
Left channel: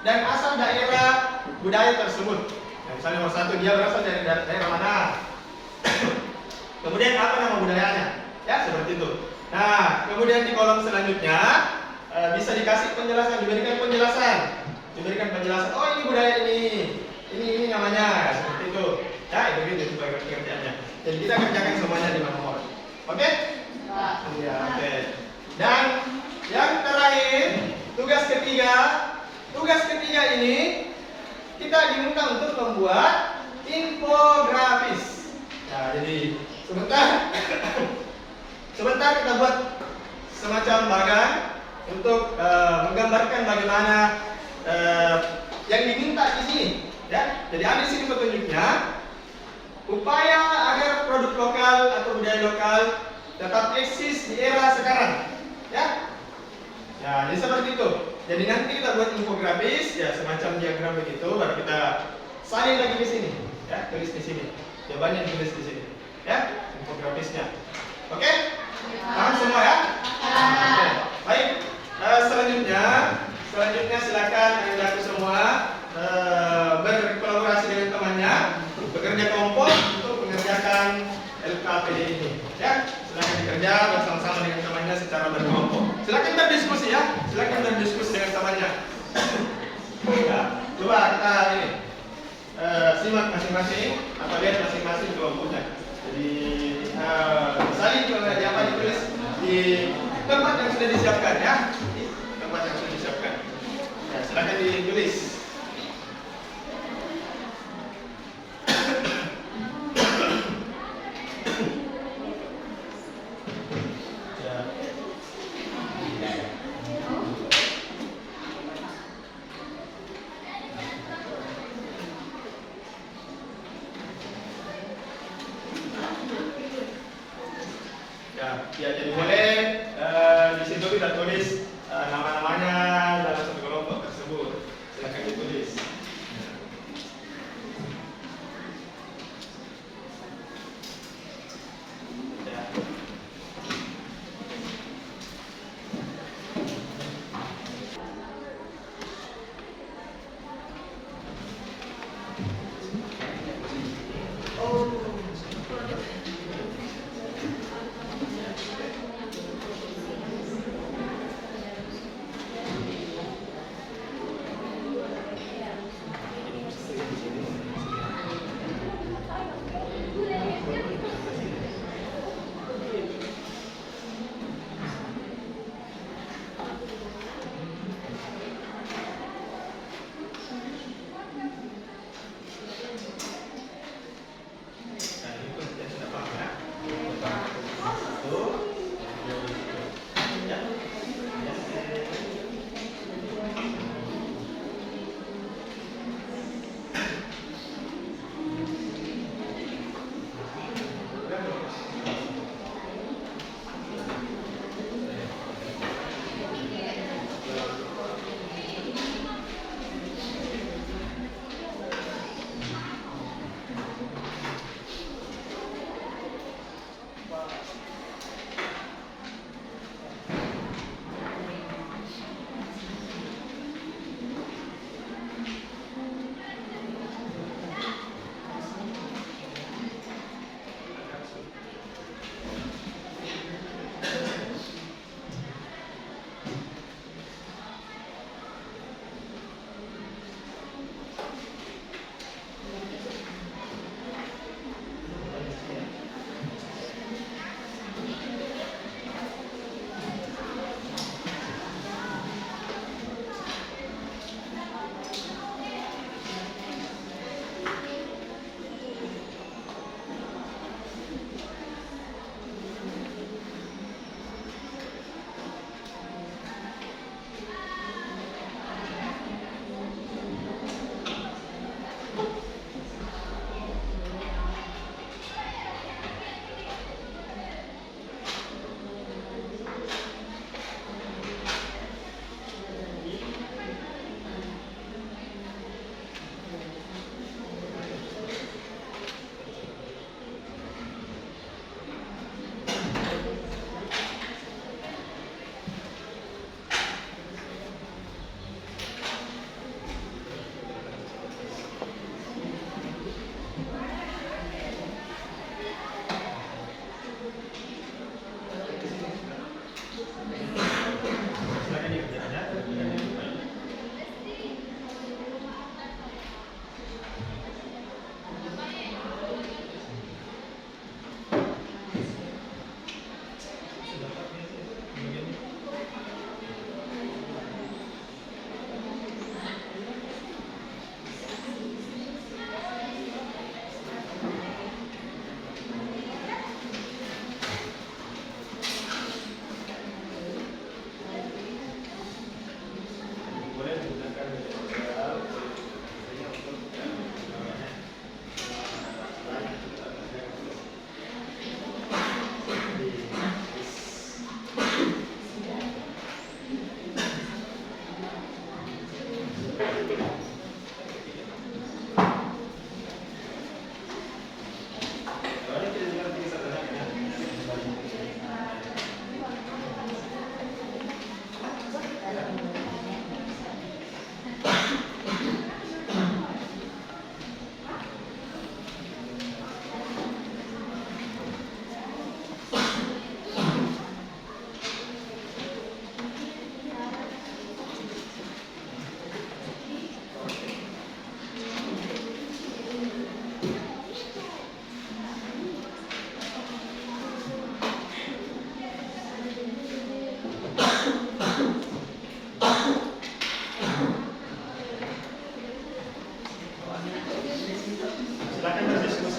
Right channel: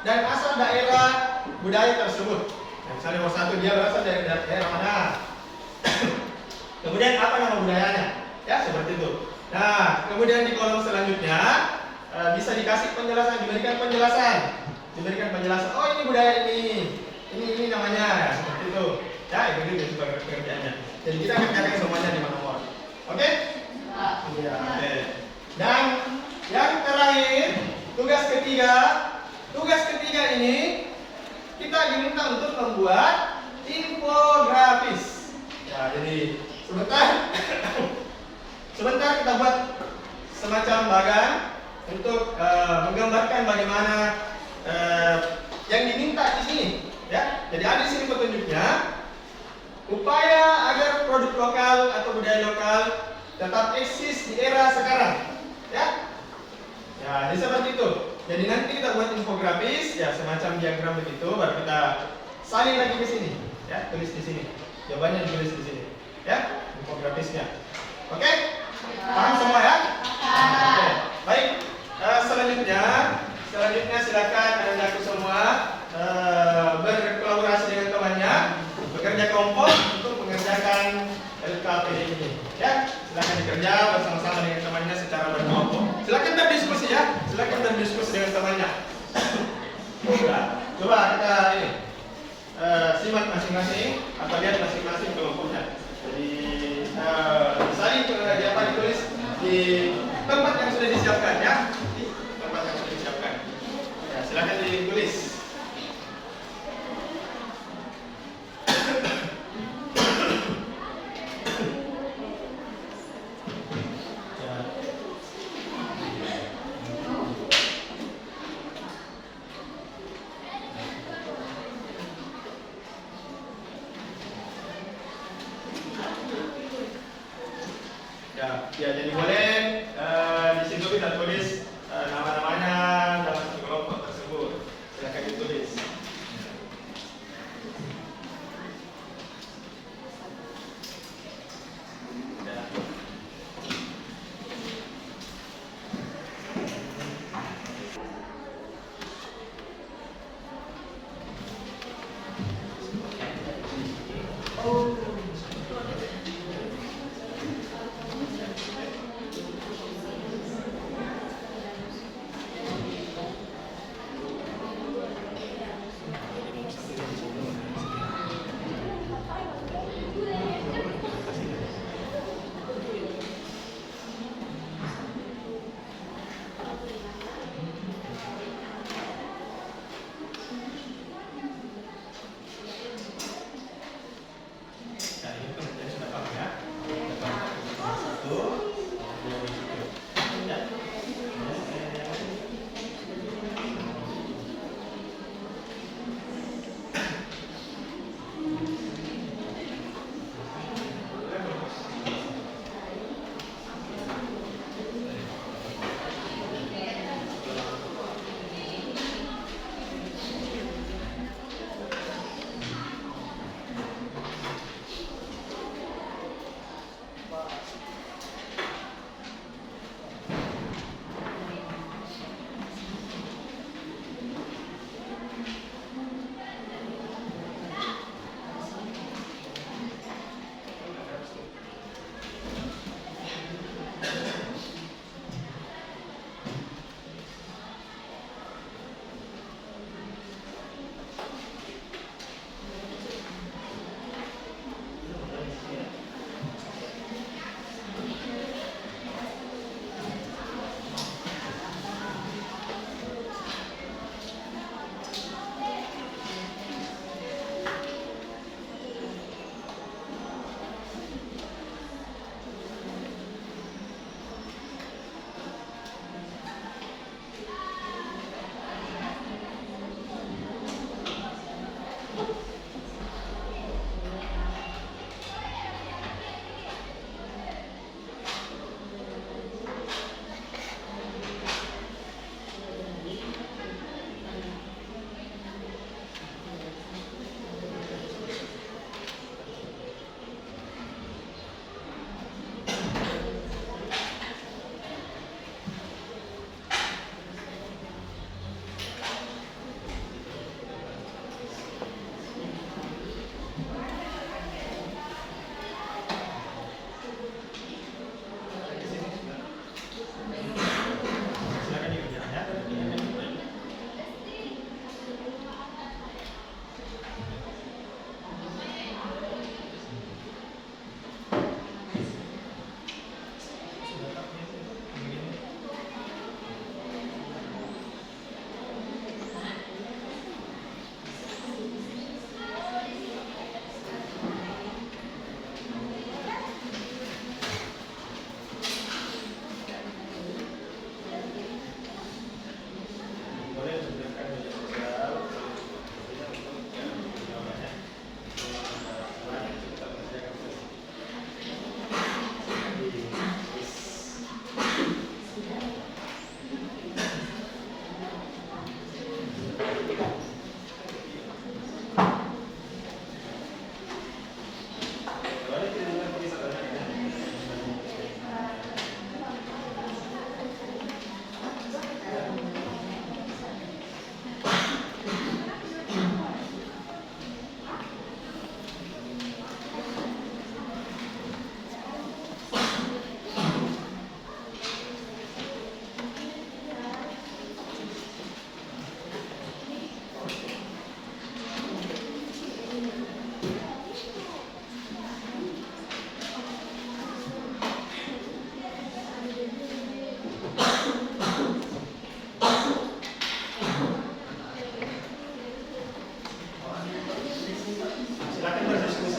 dan asal daerah budaya tersebut. Yang misalnya nomor 1, dia berasal dari daerah mana? Kemudian apa nama budayanya? Ya, seperti itu. Nah, kemudian di kolom selanjutnya bisa dikasih penjelasan, diberikan penjelasan. Oh, ini budaya ini namanya, ya, seperti itu. Ya, itu pekerjaannya. Jadi kita kerjakan semuanya 5 nomor. Oke? Iya, oke. Dan yang terakhir, tugas ketiga ini kita diminta untuk membuat infografis. Nah, jadi sebentar kita buat semacam bagan untuk menggambarkan bagaimana yang diminta di sini. Ya, jadi ada di sini petunjuknya. Upaya agar produk lokal atau budaya lokal tetap eksis di era sekarang. Ya, ya, jadi seperti itu. Jadi nanti kita buat infografis, ya semacam diagram begitu, baru kita salin lagi di sini. Ya, tulis di sini. Jawabannya ditulis di sini. Ya, infografisnya. Oke? Paham semua ya? Oke. Baik. Selanjutnya silakan anak-anakku semua berkolaborasi dengan temannya, bekerja kelompok untuk mengerjakan LKPD ini. Ya, silakan dikerja bersama-sama dengan temannya secara berkelompok. Silakan berdiskusi ya, dengan temannya. Ya, coba kita ini simak masing-masing, apa lihat masing-masing kelompoknya. Jadi saling ditulis di tempat yang sudah disiapkan ya, di tempat yang sudah disiapkan. Ya, silakan ditulis. Ya, jadi boleh di situ kita tulis nama-namanya dalam satu kelompok tersebut. Silakan ditulis. Ya.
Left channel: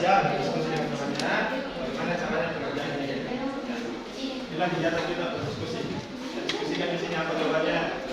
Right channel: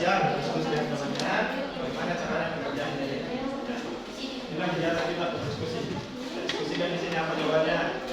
siang diskusi yang sebelumnya bagaimana caranya pengerjaan ini. Inilah kegiatan kita berdiskusi. Diskusikan di sini apa jawabannya.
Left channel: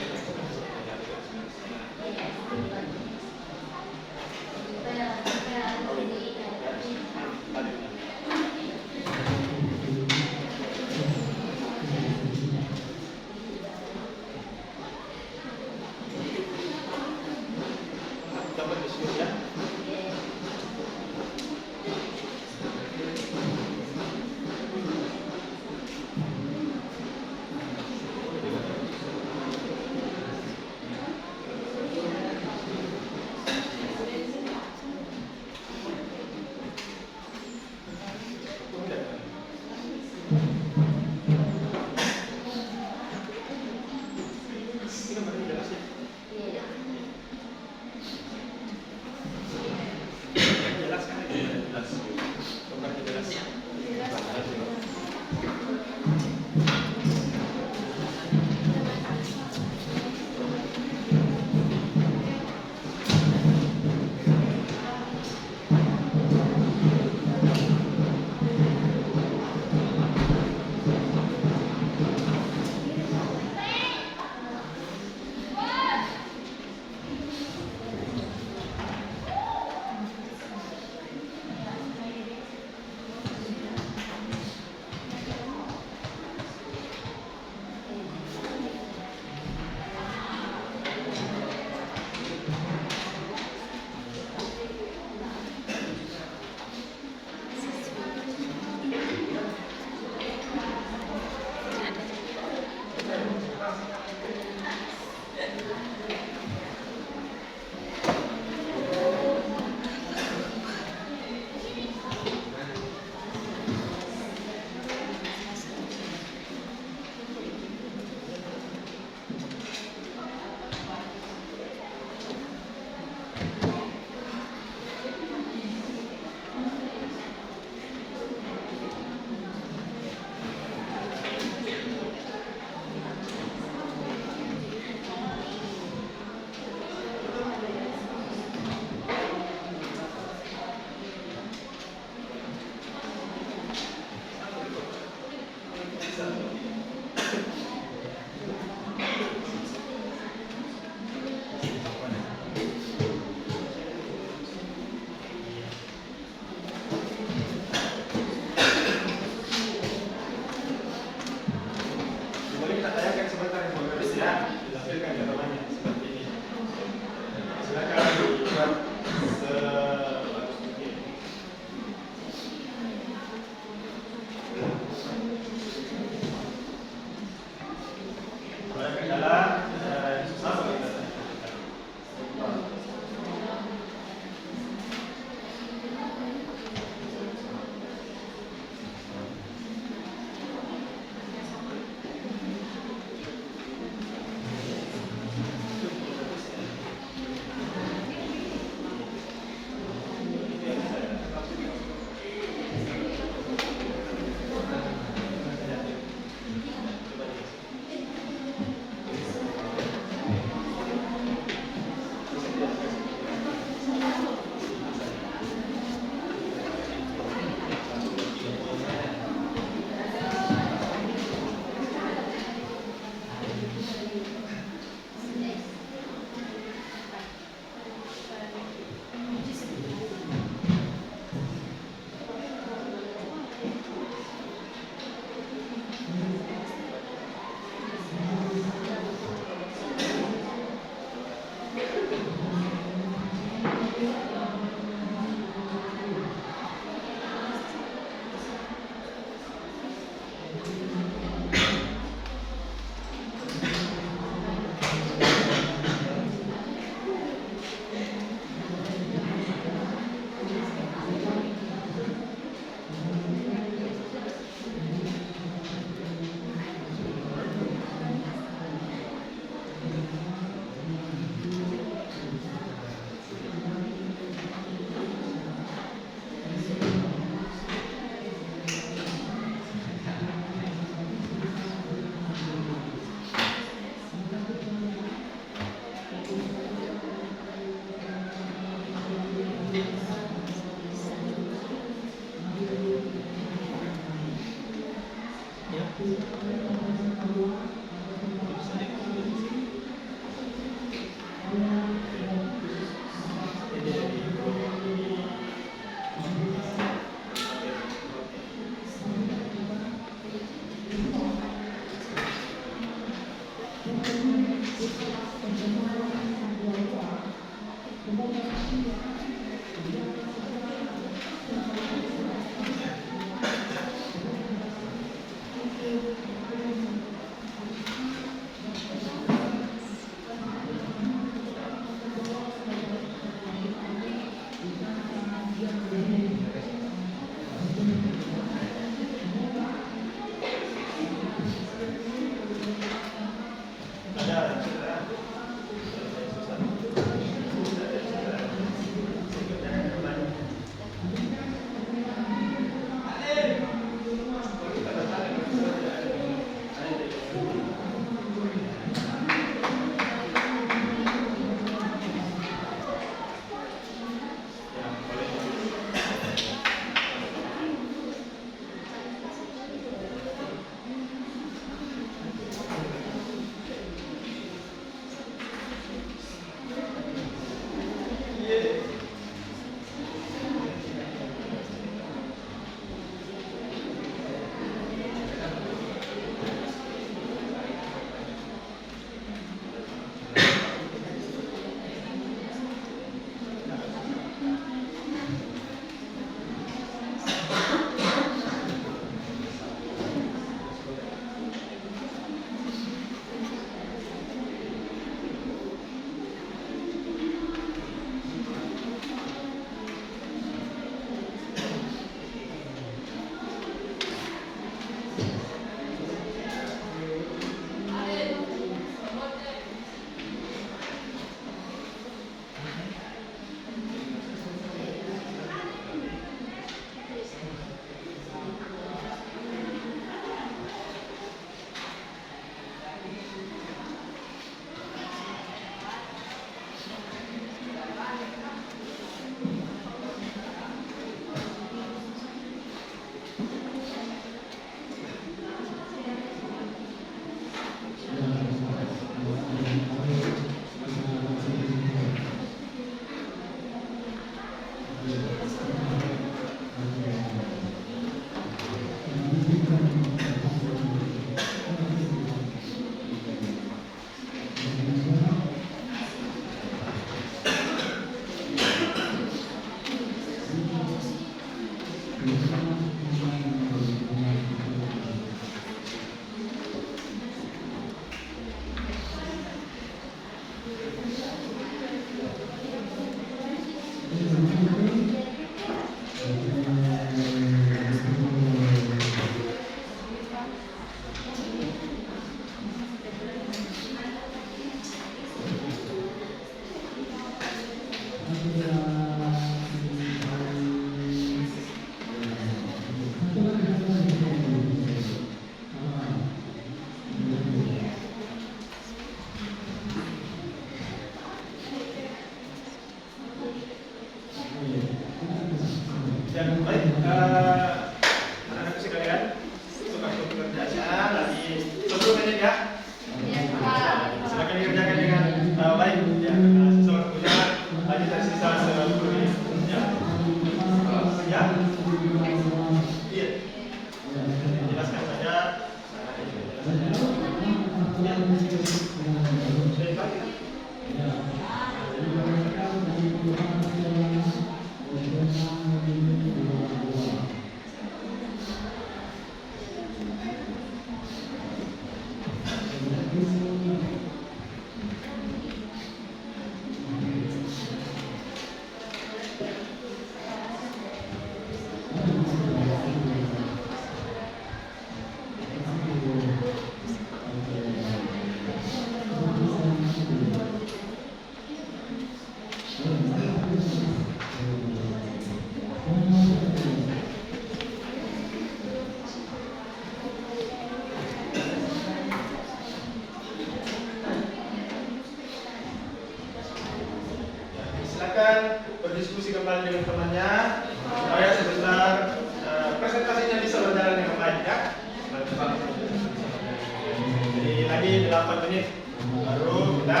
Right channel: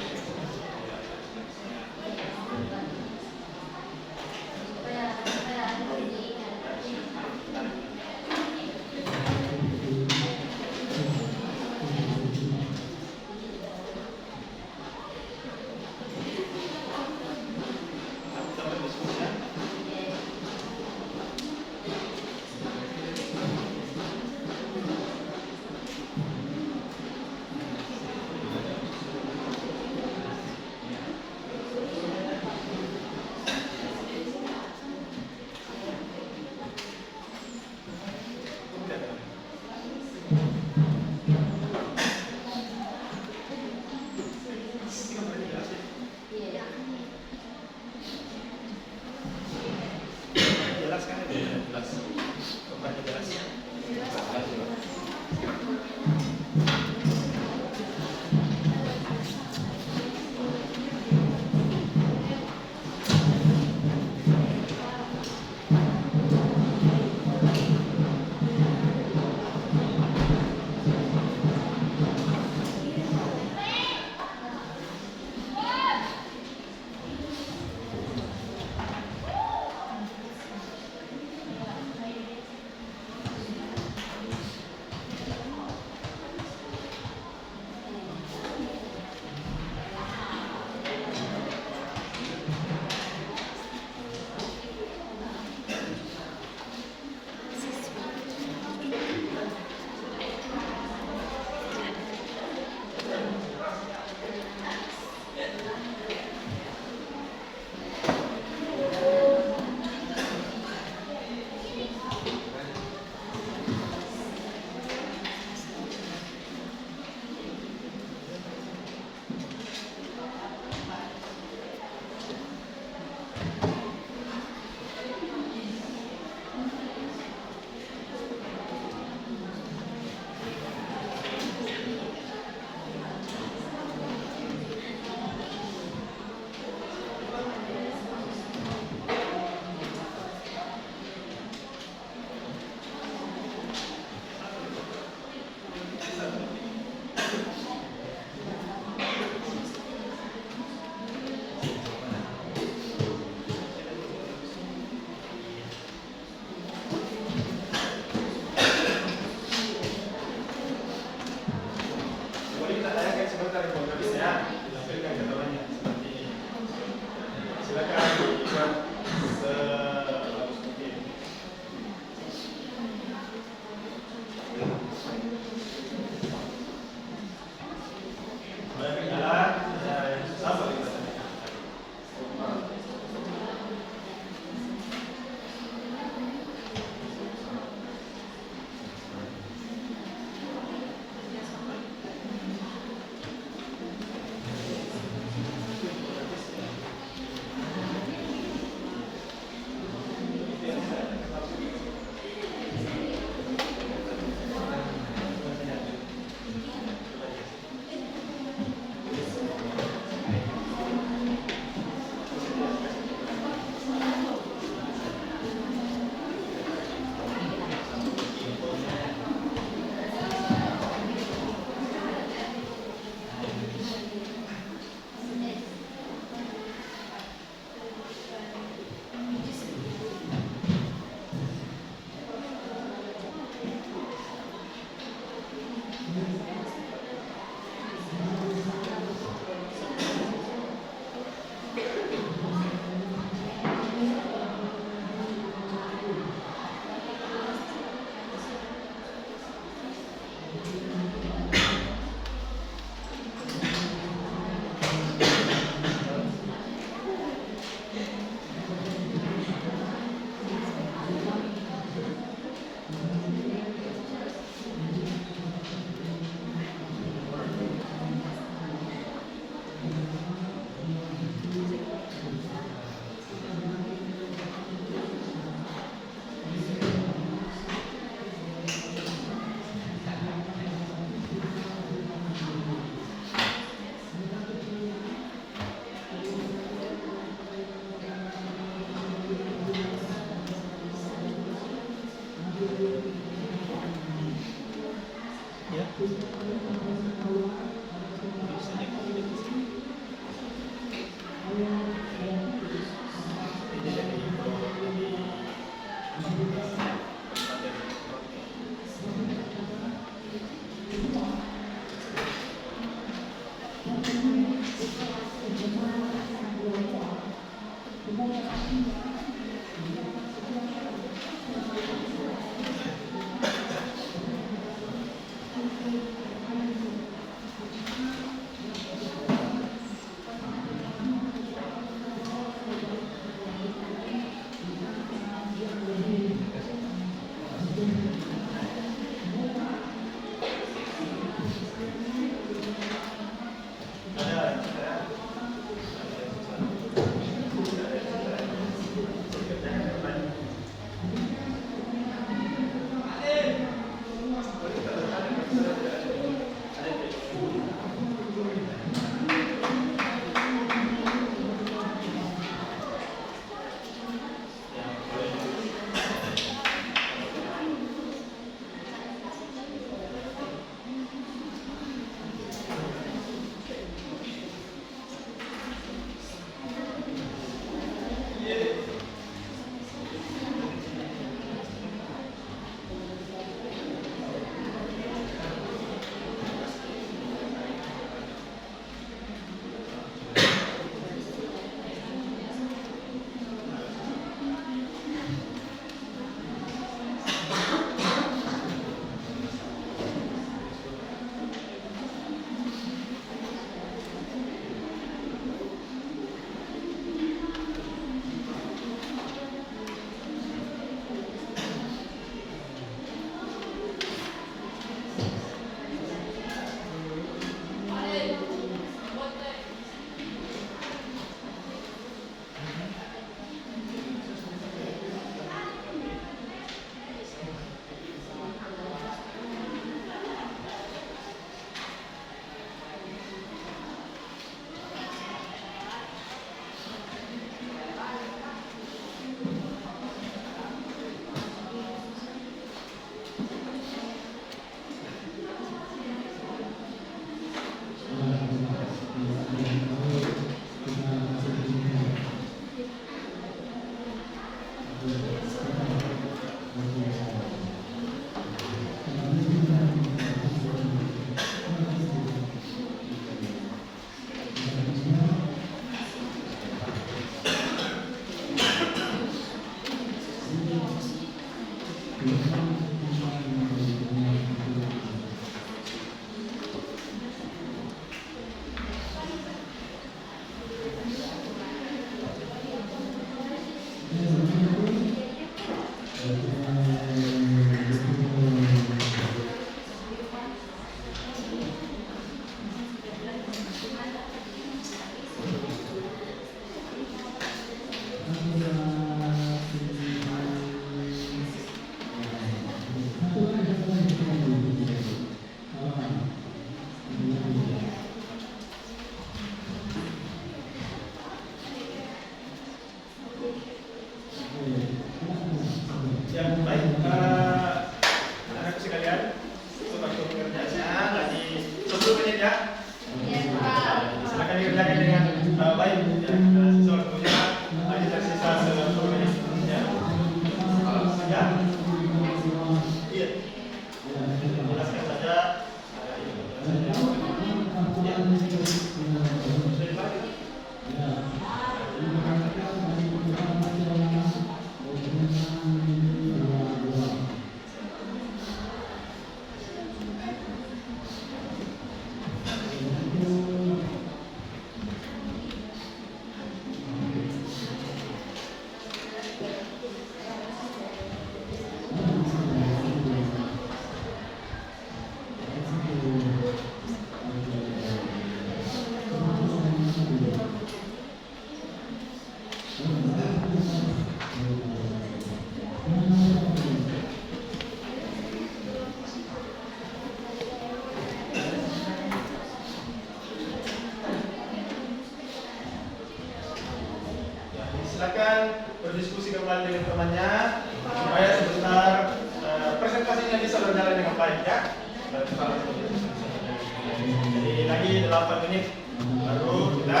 lagi 8 menit baru kita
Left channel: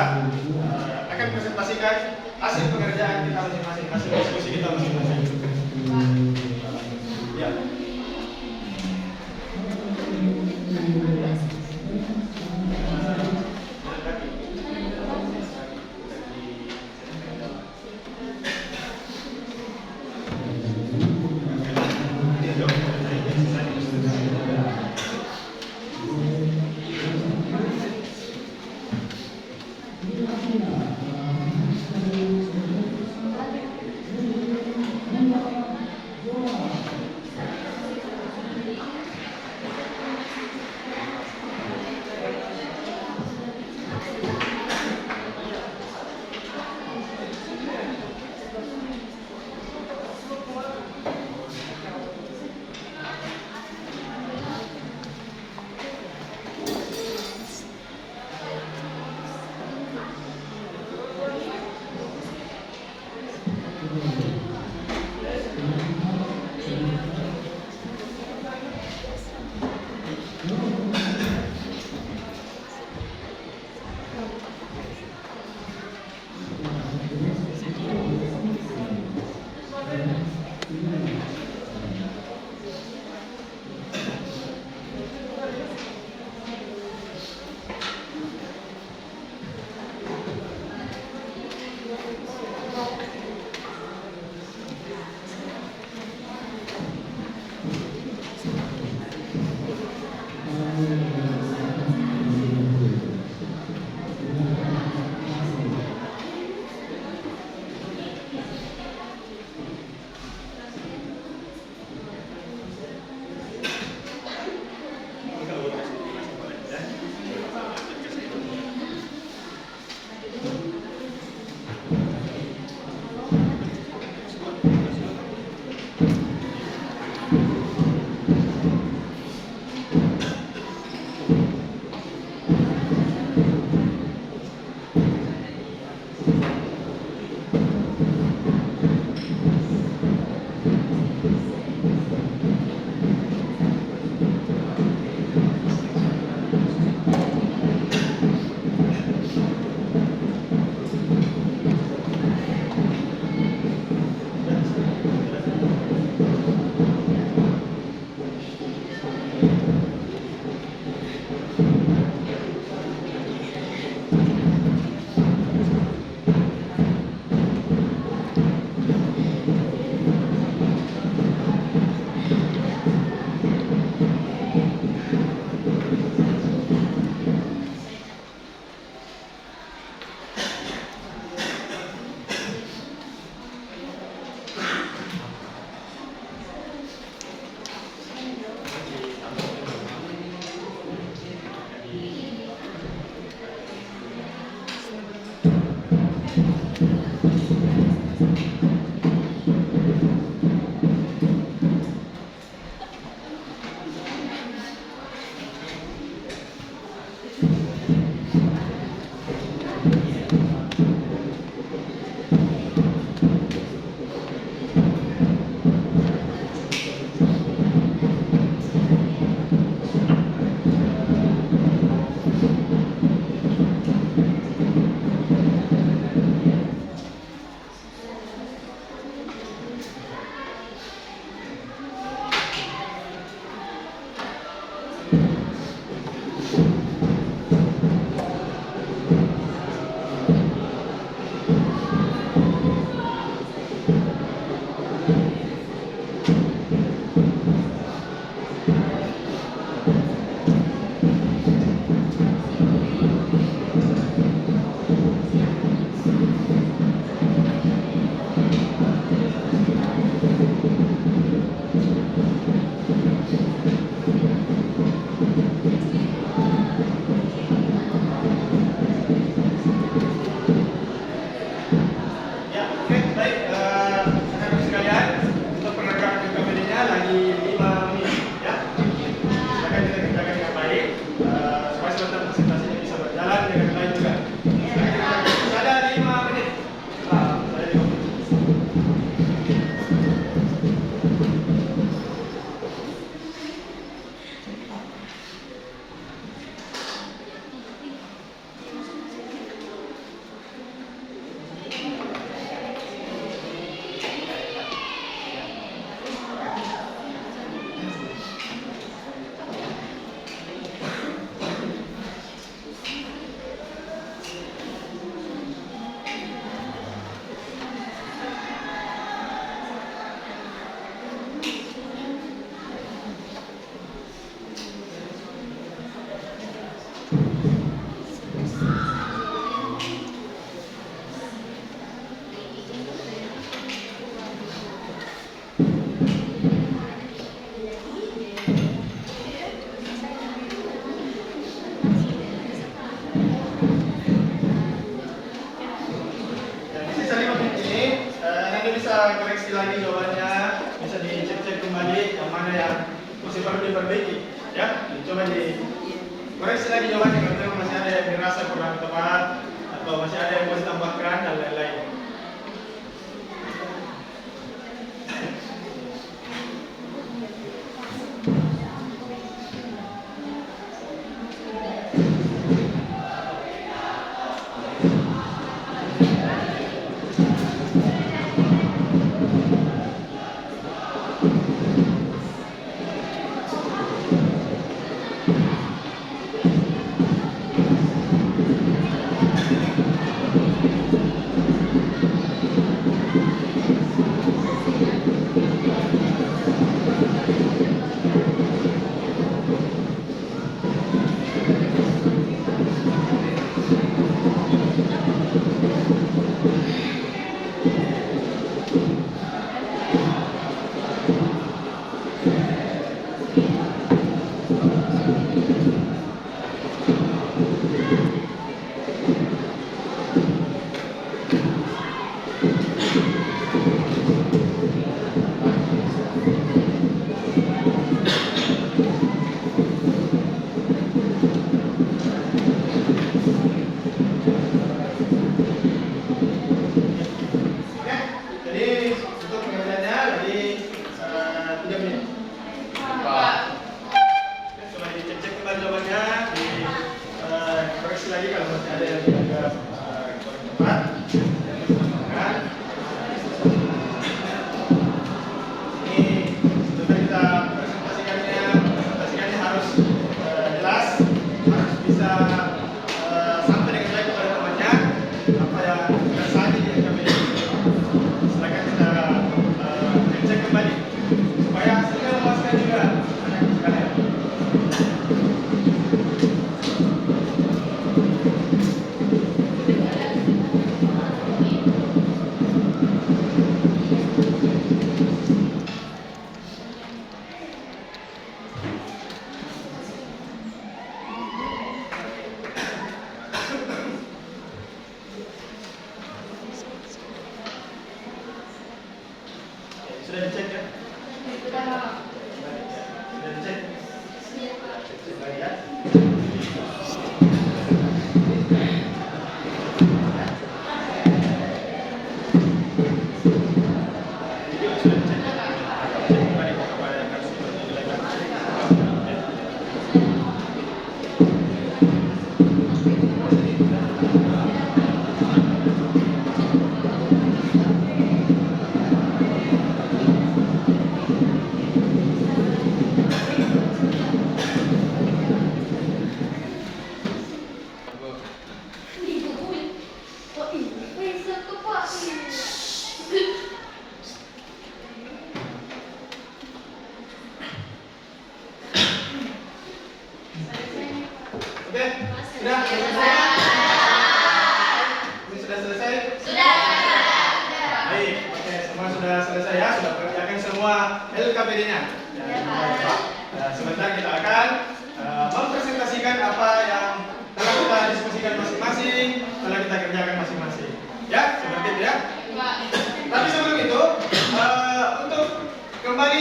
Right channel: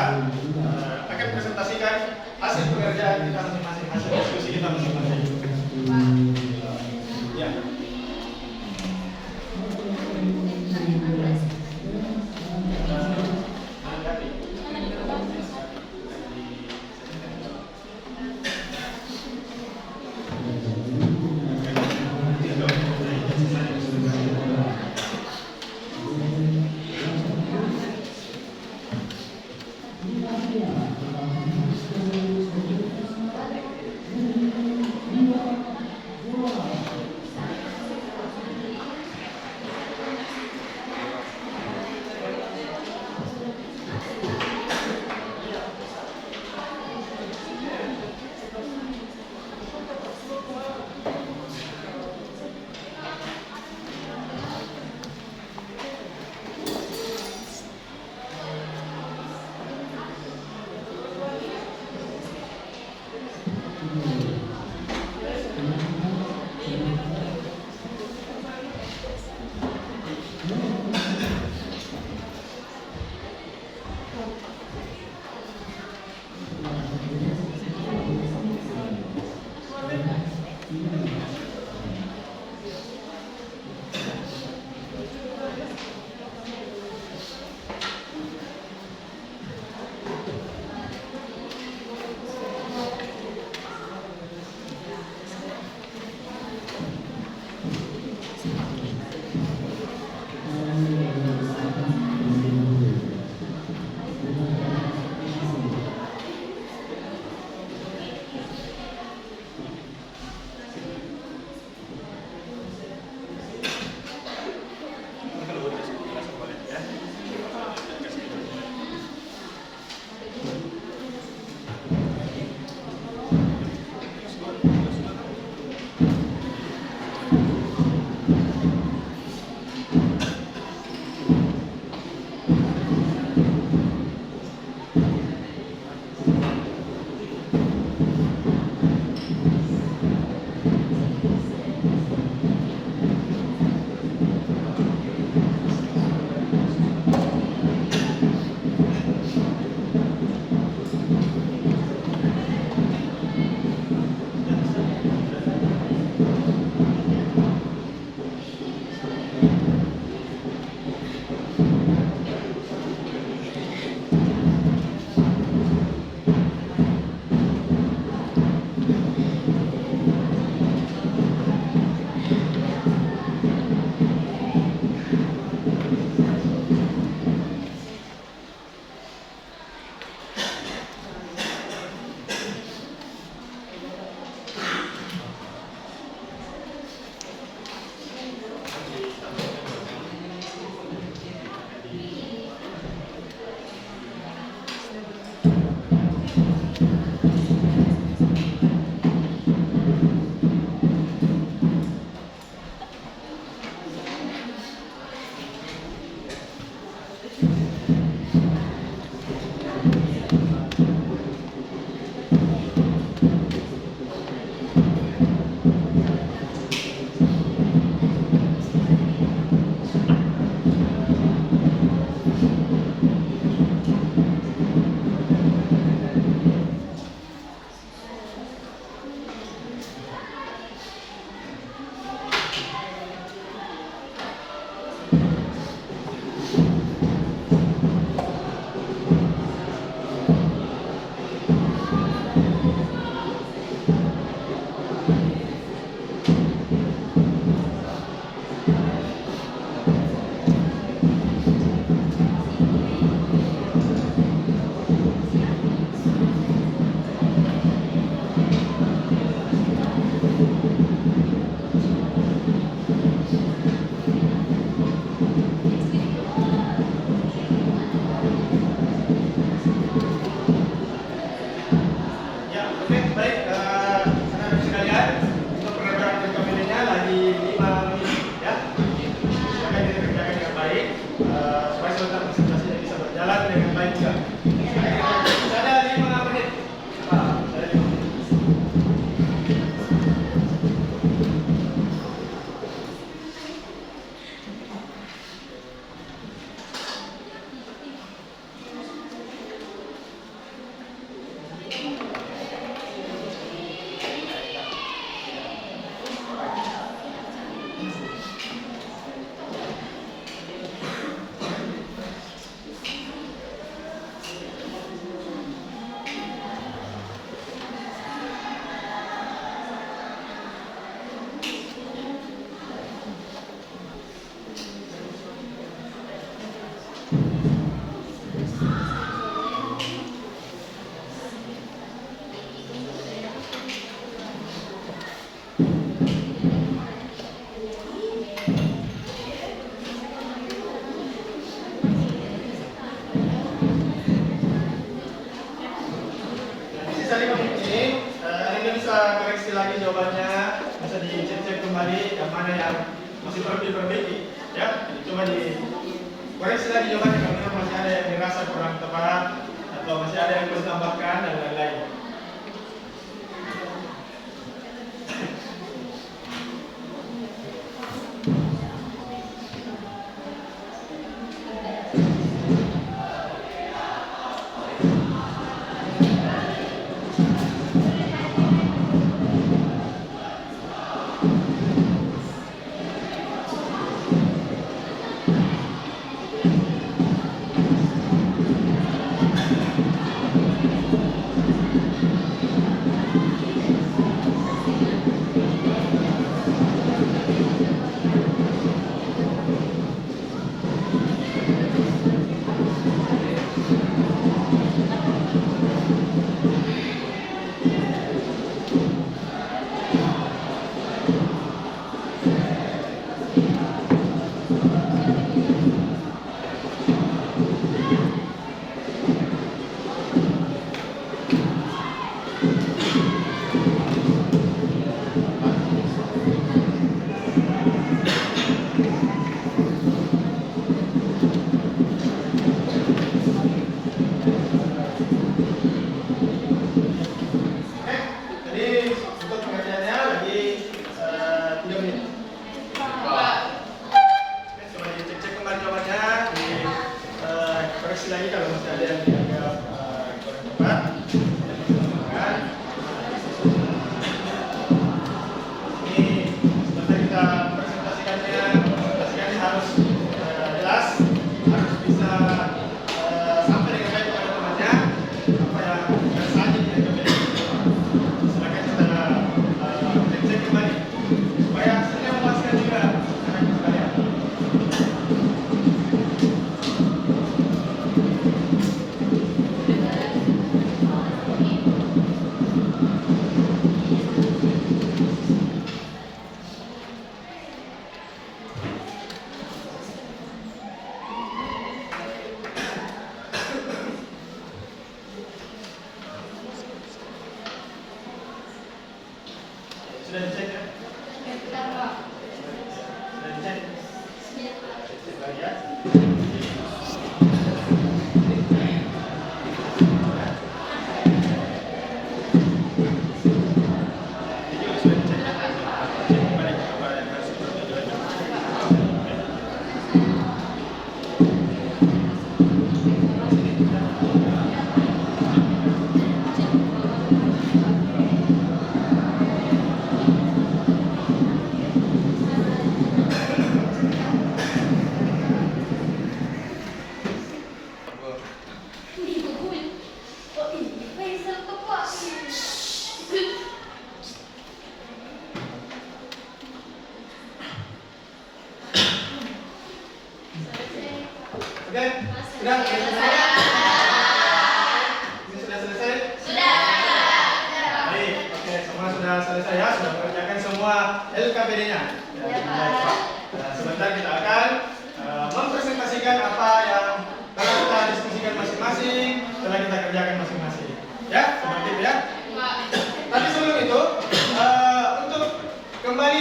akan presentasikan hasil pekerjaan kita masing-masing, hasil diskusi kita masing-masing. Ya. masih perlu diperbaiki. Ya, coba dikoreksi lagi jawabannya kalau memang masih ada yang dirasa kurang tepat atau masih ada yang perlu ditambahkan dan lain-lain. Sudah dicek ya? Sudah dicek? Cek lagi ya. Oke, sudah selesai? Ini sudah selesai? Sudah. Baik, oke, semua sudah selesai ya, sudah mengerjakan semua LKPD-nya. Ya, nah, sebentar kita akan mempresentasikan apa yang telah kita diskusikan masing-masing, telah kita kerjakan masing-masing. Ya, seperti itu ya. Tapi sebelum itu, untuk kembali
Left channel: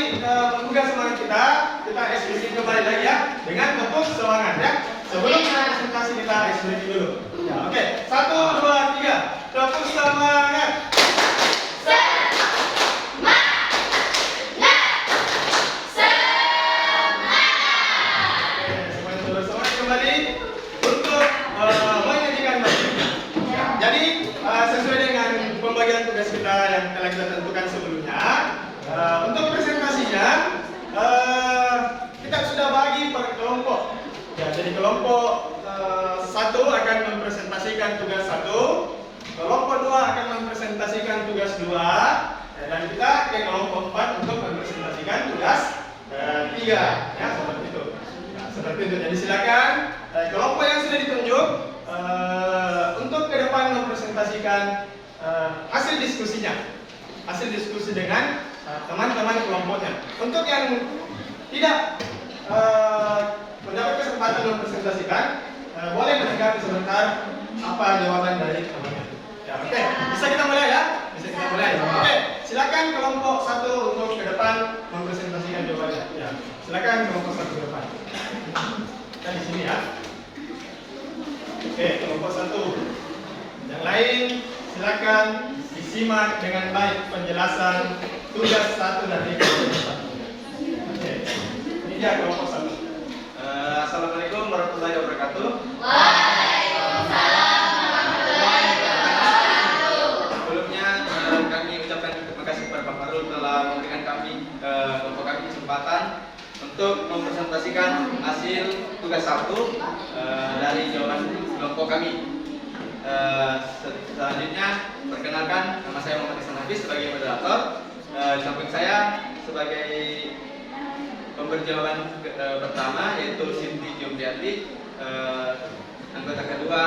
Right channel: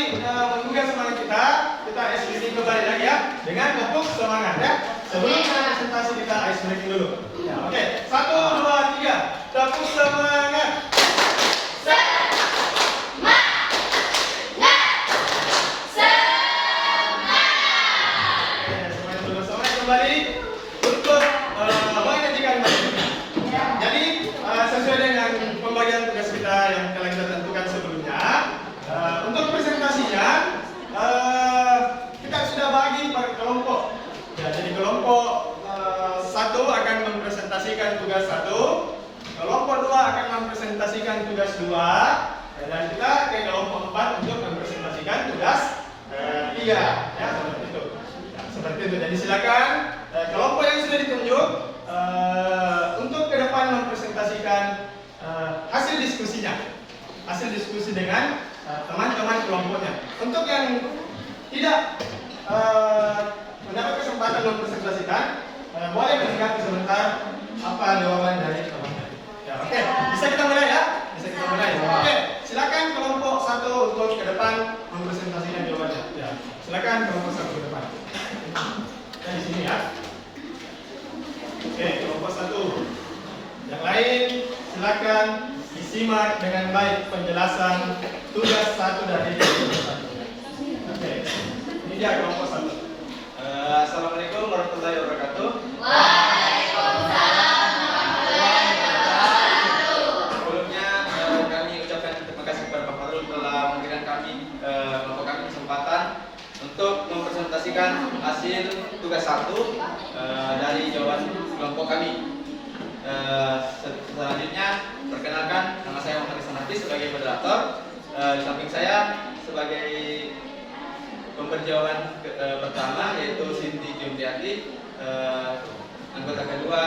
menggugah semangat kita ekspresi kembali lagi ya, dengan tepuk semangat ya. Sebelum kita presentasi kita ice breaking dulu. Ya, oke. 1, 2, 3. Tepuk semangat. Oke, semuanya sudah semangat kembali untuk menyajikan materi. Ya, jadi sesuai dengan pembagian tugas kita yang telah kita tentukan sebelumnya, untuk presentasinya kita sudah bagi per kelompok. Ya, jadi kelompok 1 akan mempresentasikan tugas 1, kelompok 2 akan mempresentasikan tugas 2, ya, dan kita ke kelompok 4 untuk mempresentasikan tugas 3. Ya, seperti itu. Ya, seperti itu. Jadi silakan kelompok yang sudah ditunjuk untuk ke depan mempresentasikan hasil diskusinya, hasil diskusi dengan teman-teman kelompoknya. Untuk yang tidak mendapat kesempatan mempresentasikan, boleh mendengar sebentar apa jawaban dari teman-teman. Ya, oke, bisa kita mulai ya? Bisa kita mulai. Oke, silakan kelompok 1 untuk ke depan mempresentasikan jawabannya. Ya, silakan kelompok 1 ke depan. Kita di sini ya. Oke, kelompok 1. Yang lain silakan disimak dengan baik penjelasan tugas 1 dari kelompok 1. Oke, ini dia kelompok 1. Assalamualaikum warahmatullahi wabarakatuh. Waalaikumsalam warahmatullahi wabarakatuh. Sebelumnya kami ucapkan terima kasih kepada Pak Farul telah memberikan kami kelompok kami kesempatan untuk mempresentasikan hasil tugas 1 dari jawaban kelompok kami. Selanjutnya perkenalkan, nama saya Muhammad Ihsan Hafiz sebagai moderator. Di samping saya sebagai pemberi jawaban pertama yaitu Sinti Jumriati, anggota kedua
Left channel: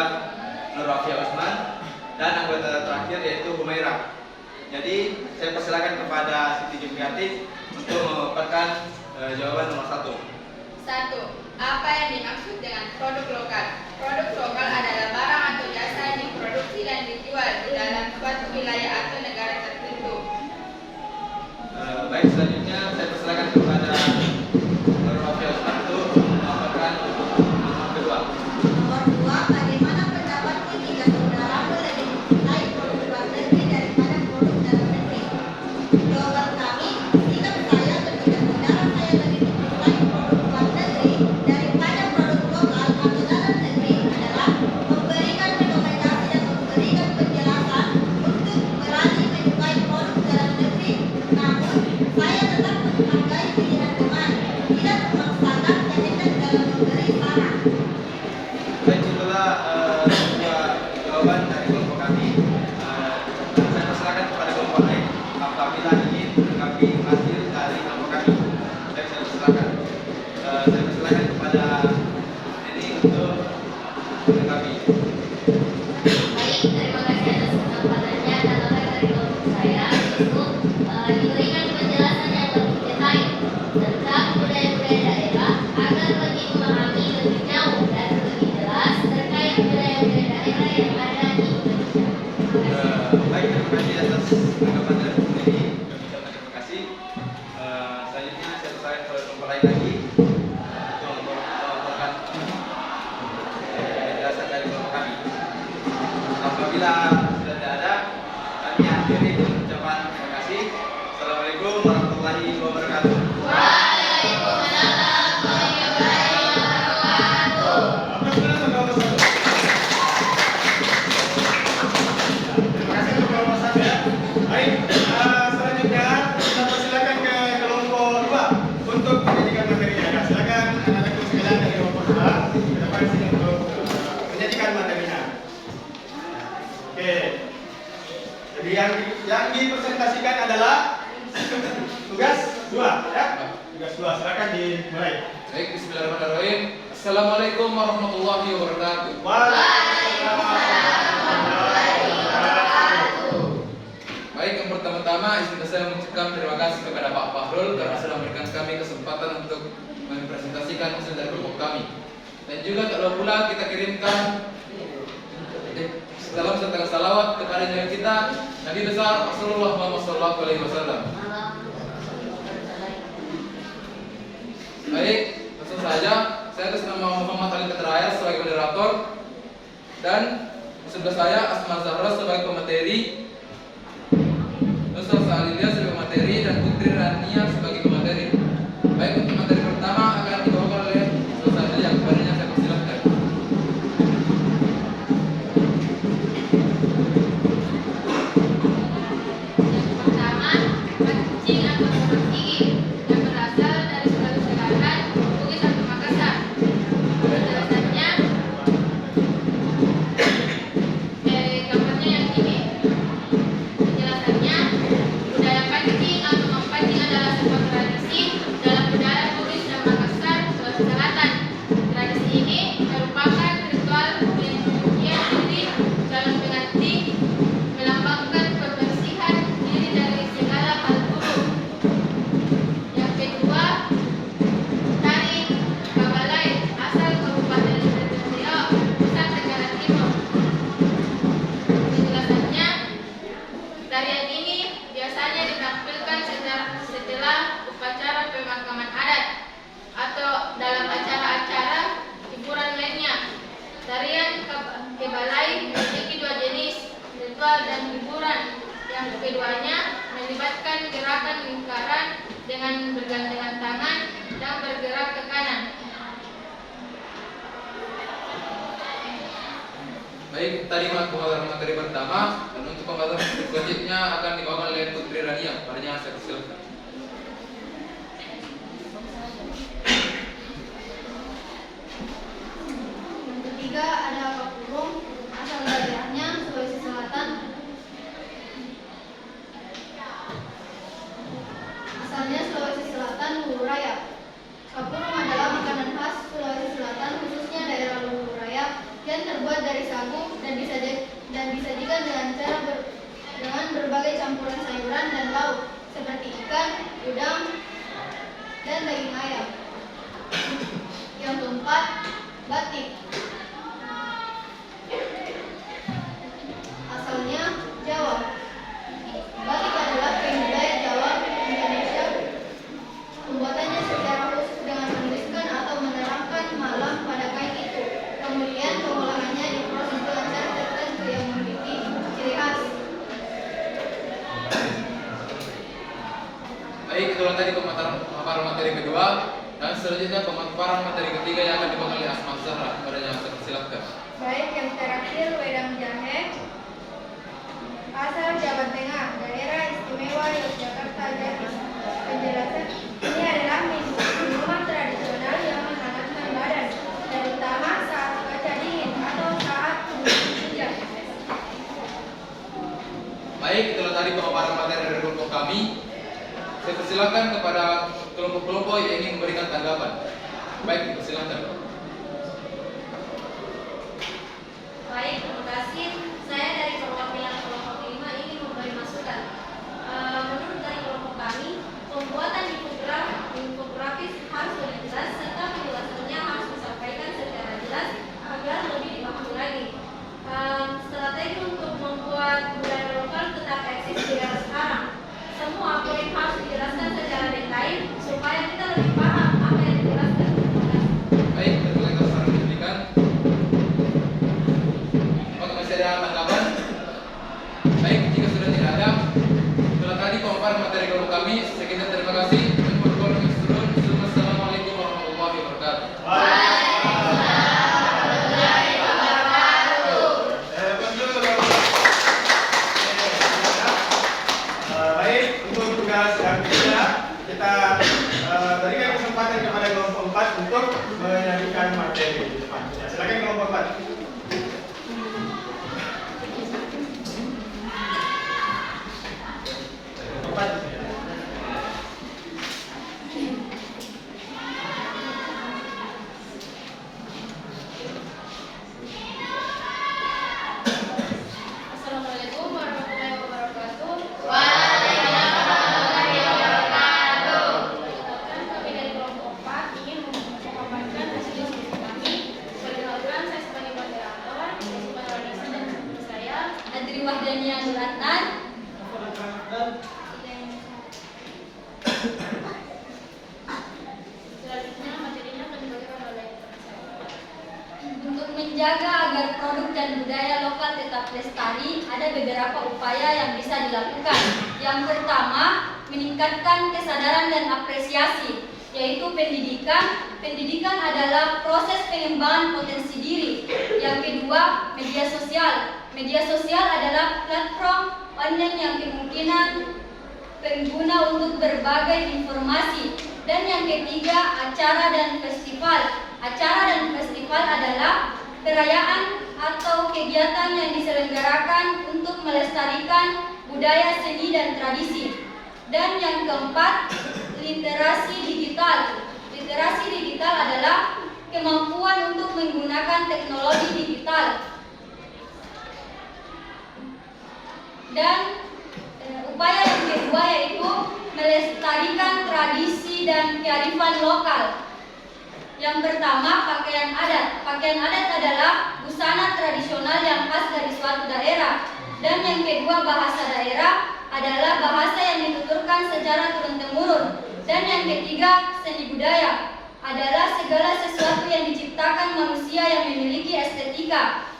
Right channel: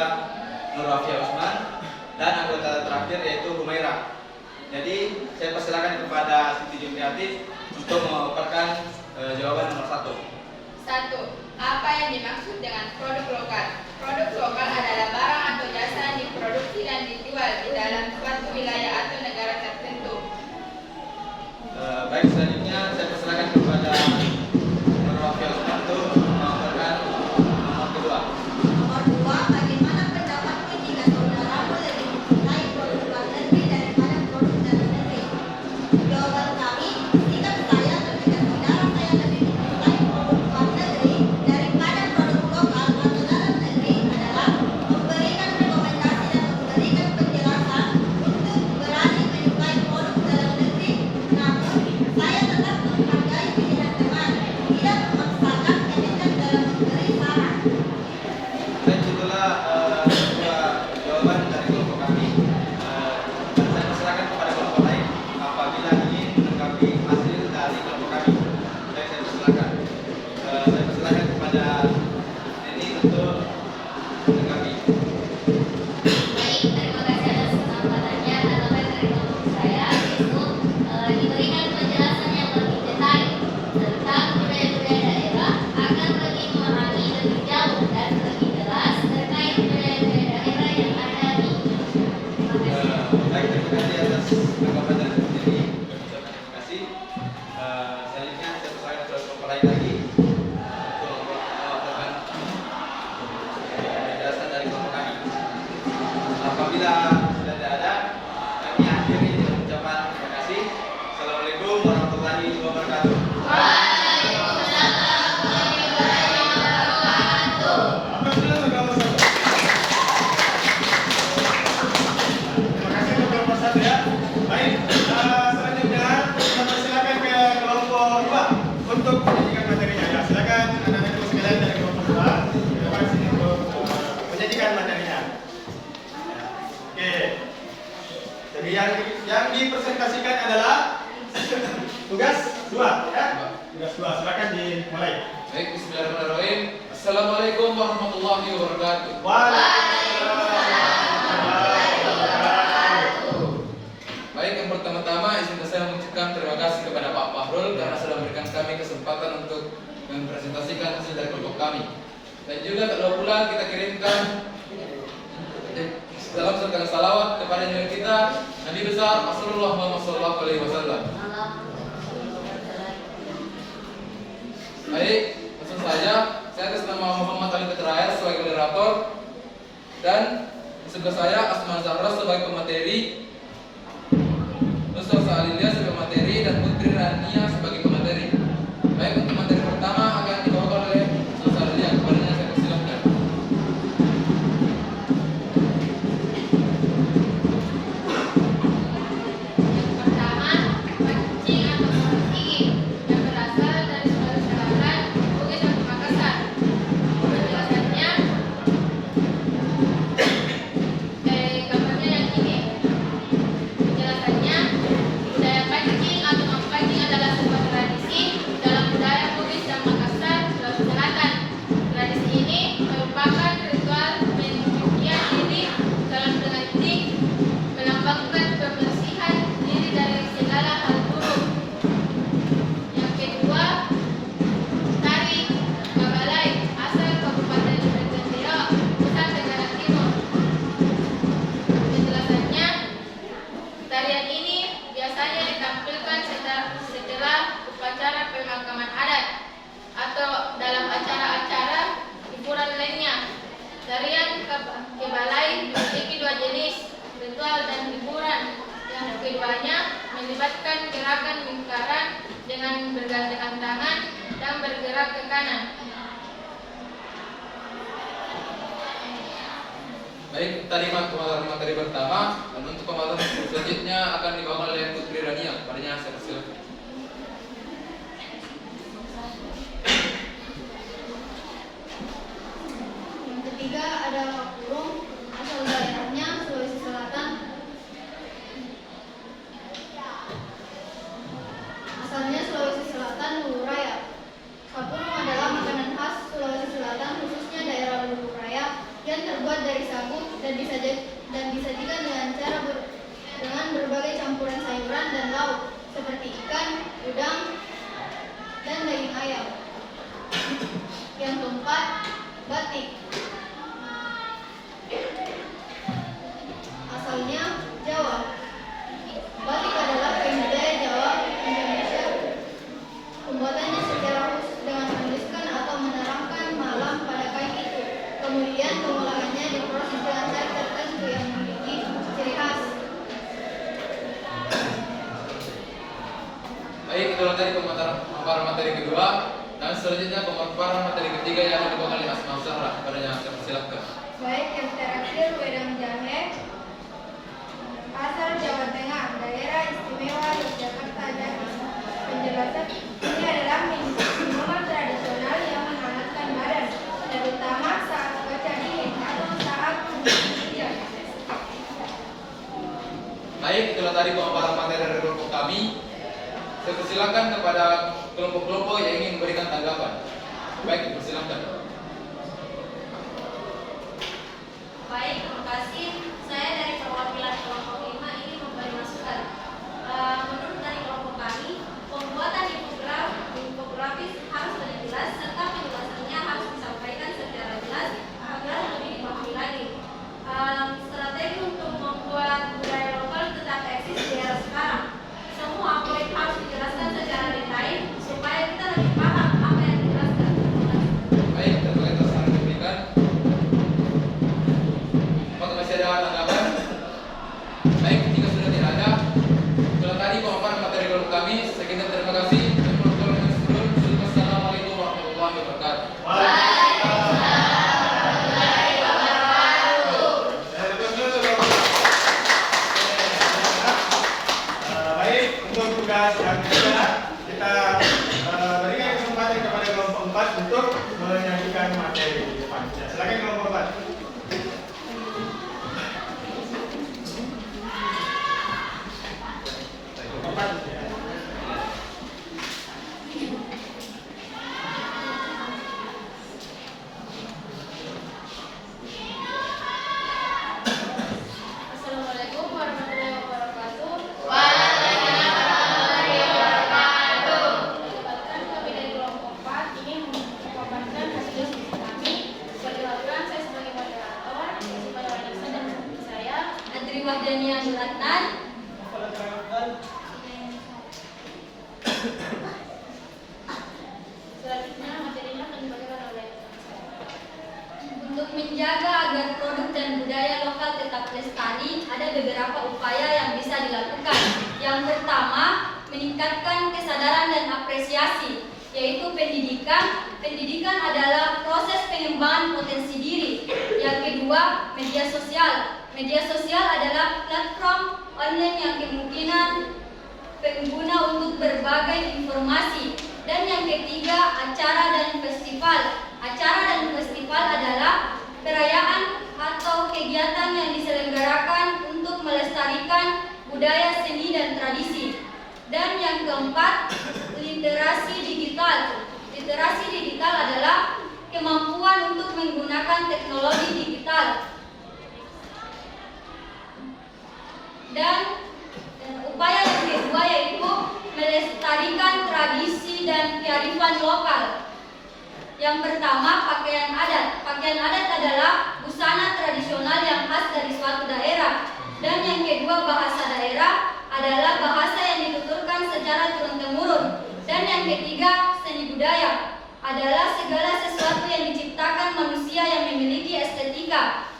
Nur Wafia Usman, dan anggota terakhir yaitu Humaira. Jadi saya persilakan kepada Sinti Jumriati untuk memaparkan jawaban nomor 1. 1. Apa yang dimaksud dengan produk lokal? Produk lokal adalah barang atau jasa yang diproduksi dan dijual di dalam suatu wilayah atau negara tertentu. Baik, selanjutnya saya persilakan kepada Nur Wafia Usman untuk memaparkan nomor kedua. Nomor 2, bagaimana pendapatmu jika saudaramu lebih mencintai produk luar negeri daripada produk dalam negeri? Jawaban kami, sikap saya ketika saudara saya lebih mencintai produk luar negeri daripada produk lokal atau dalam negeri adalah memberikan rekomendasi dan memberikan penjelasan untuk berani menyukai produk dalam negeri. Namun, saya tetap menghargai pilihan teman, tidak memaksakan komitmen dalam memberi saran. Baik, itulah dua jawaban dari kelompok kami. Dan saya persilakan kepada kelompok lain apabila ingin menanggapi hasil dari kelompok kami. Baik, saya persilakan. Saya persilakan kepada Neni untuk menanggapi. Baik, terima kasih atas kesempatannya. Tanggapan dari kelompok saya yaitu diberikan penjelasan yang lebih detail tentang budaya-budaya daerah agar lebih memahami lebih jauh dan lebih jelas terkait budaya-budaya daerah yang ada di Indonesia. Baik, terima kasih atas tanggapan dari Neni. Kami ucapkan terima kasih. Selanjutnya saya persilakan kepada kelompok lain lagi untuk melaporkan penjelasan dari kelompok kami. Apabila sudah tidak ada, kami akhiri dengan ucapan terima kasih. Assalamualaikum warahmatullahi wabarakatuh. Waalaikumsalam warahmatullahi wabarakatuh. Aplaus dulu untuk kelompok 1. Terima kasih untuk kelompok 1 ya. Baik, selanjutnya kita persilakan ke kelompok 2 untuk menyajikan materinya. Ya, silakan anak-anakku sekalian dari kelompok 2 ke depan sini untuk menyajikan materinya. Oke. Jadi yang dipresentasikan adalah tugas 2 ya. Tugas 2, silakan dimulai. Baik, bismillahirrahmanirrahim. Assalamualaikum warahmatullahi wabarakatuh. Waalaikumsalam warahmatullahi wabarakatuh. Baik, yang pertama-tama izinkan saya mengucapkan terima kasih kepada Pak Fahrul karena sudah memberikan kami kesempatan untuk mempresentasikan hasil dari kelompok kami. Dan juga tak lupa pula kita kirimkan salam serta salawat kepada junjungan kita Nabi besar Rasulullah Muhammad SAW. Baik, langsung saja. Saya atas nama Muhammad Ali Ketrair sebagai moderator dan di sebelah saya Asma Zahra sebagai pemateri, Nusra Sa'alilia sebagai pemateri, dan Putri Rania sebagai pemateri. Baik, untuk materi pertama akan dibawakan oleh Nusra Sa'alilia. Kepadanya saya persilahkan. Pertama, pancing atau pancing yang berasal dari Sulawesi Selatan, Bugis atau Makassar. Penjelasannya, gambarnya yang ini. Penjelasannya, budaya pancing atau memancing adalah sebuah tradisi dalam budaya Bugis Tarian kebalai memiliki dua jenis, ritual dan hiburan. Yang keduanya melibatkan gerakan lingkaran dengan bergandengan tangan dan bergerak ke kanan. Baik, tadi pemaparan materi pertama, dan untuk pemaparan selanjutnya akan dibawakan oleh Putri Rania. Padanya saya silakan. Yang ketiga ada Kapurung, asal daerahnya Sulawesi Selatan. Asalnya Sulawesi Selatan, Hulu Raya. Kapurung adalah makanan khas Sulawesi Selatan, khususnya daerah Hulu Raya, yang terbuat dari sagu dan disajikan dengan berbagai campuran sayuran dan lauk seperti ikan, udang, dan daging ayam. Yang keempat, batik. Asalnya Jawa. Batik adalah kain budaya Jawa Indonesia. Pembuatannya secara khusus dengan menuliskan atau menerangkan malam pada kain itu. Kemudian pengolahannya diproses dengan cara tertentu yang memiliki ciri khas. Baik, itulah tadi pemaparan materi kedua, dan selanjutnya pemaparan materi ketiga yang akan dibawakan oleh Asma Zahra. Padanya saya silakan. Baik, yang terakhir Wedang Jahe. Asal Jawa Tengah, daerah istimewa Yogyakarta. Jadi penjelasan ini adalah minuman tradisional yang menghangatkan badan, terutama saat cuaca dingin atau saat hujan. Baik, itulah tadi pemaparan materi dari kelompok kami. Saya persilakan kepada kelompok-kelompok yang ingin memberikan tanggapan. Baik, persilakan. Baik, terima kasih. Saya dari perwakilan kelompok 5 ini memberi masukan. Menurut dari kelompok kami, pembuatan infografis harus lebih jelas serta penjelasannya harus disampaikan secara jelas agar lebih dipahami lagi. Strategi untuk membuat budaya lokal tetap eksis di era sekarang. Semua poin harus dijelaskan secara detail supaya kita lebih paham apa yang dijelaskan. Baik, terima kasih atas saran yang diberikan. Apakah masih ada tanggapan? Baik, jika sudah tidak ada, itulah tadi pemaparan materi kelompok kami. Sekian, terima kasih. Dan Assalamualaikum warahmatullahi wabarakatuh. Baik, untuk tugas yang ketiga kita berikan kesempatan kepada kelompok 4 untuk menyajikan materi di depan. Ya, silakan kelompok 4. Assalamualaikum warahmatullahi wabarakatuh. Sebabkan kami dari kelompok 4 ingin memaparkan hasil diskusi kami. Perkenalkan, saya sebagai moderator, Yesi Marwanisa, dan teman saya Adri Wahdania Nuratnan. selanjutnya materinya akan dibacakan oleh teman saya. Untuk menjaga agar produk dan budaya lokal tetap lestari, ada beberapa upaya yang bisa dilakukan. Yang pertama, meningkatkan kesadaran dan apresiasi, yaitu pendidikan. Pendidikan adalah proses pengembangan potensi diri. Yang kedua, media sosial. Media sosial adalah platform online yang kemungkinan pengguna untuk berbagai informasi. Dan yang ketiga, acara dan festival. Acara dan festival adalah perayaan atau kegiatan yang diselenggarakan untuk melestarikan budaya, seni, dan tradisi. Dan yang keempat, literasi digital. Literasi digital adalah kemampuan untuk menggunakan teknologi digital. Dan upaya yang kedua yaitu melestarikan tradisi dan kearifan lokal. Yang pertama, pakaian adat. Pakaian adat adalah busana tradisional yang khas dari suatu daerah. Dan yang kedua, bahasa daerah adalah bahasa yang dituturkan secara turun-temurun. Dan yang ketiga, seni budaya adalah segala sesuatu yang diciptakan manusia yang memiliki estetika estetika.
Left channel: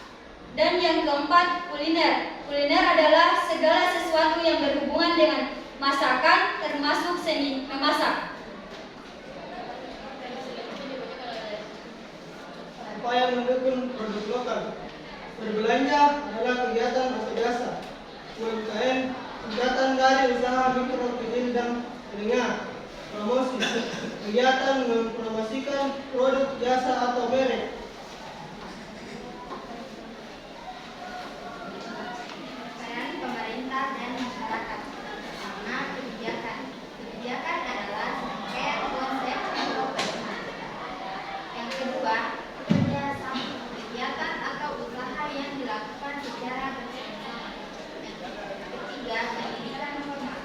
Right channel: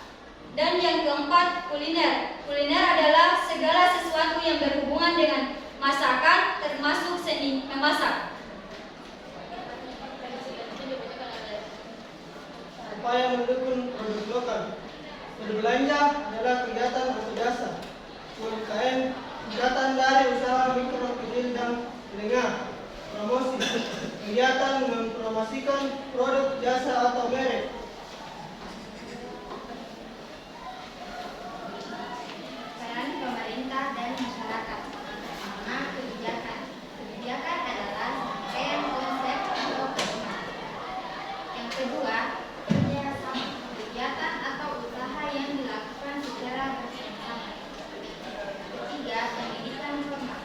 Dan yang keempat, kuliner. Kuliner adalah segala sesuatu yang berhubungan dengan masakan, termasuk seni memasak. Apa yang mendukung produk lokal? Berbelanja adalah kegiatan atau jasa. UMKM, kegiatan dari usaha mikro, kecil, dan menengah. Promosi, kegiatan mempromosikan produk, jasa, atau merek. Peran pemerintah dan masyarakat. Pertama, kebijakan. Kebijakan adalah serangkaian konsep atau pedoman. Yang kedua, kerjasama. Kegiatan atau usaha yang dilakukan secara bersama. Ketiga, pendidikan formal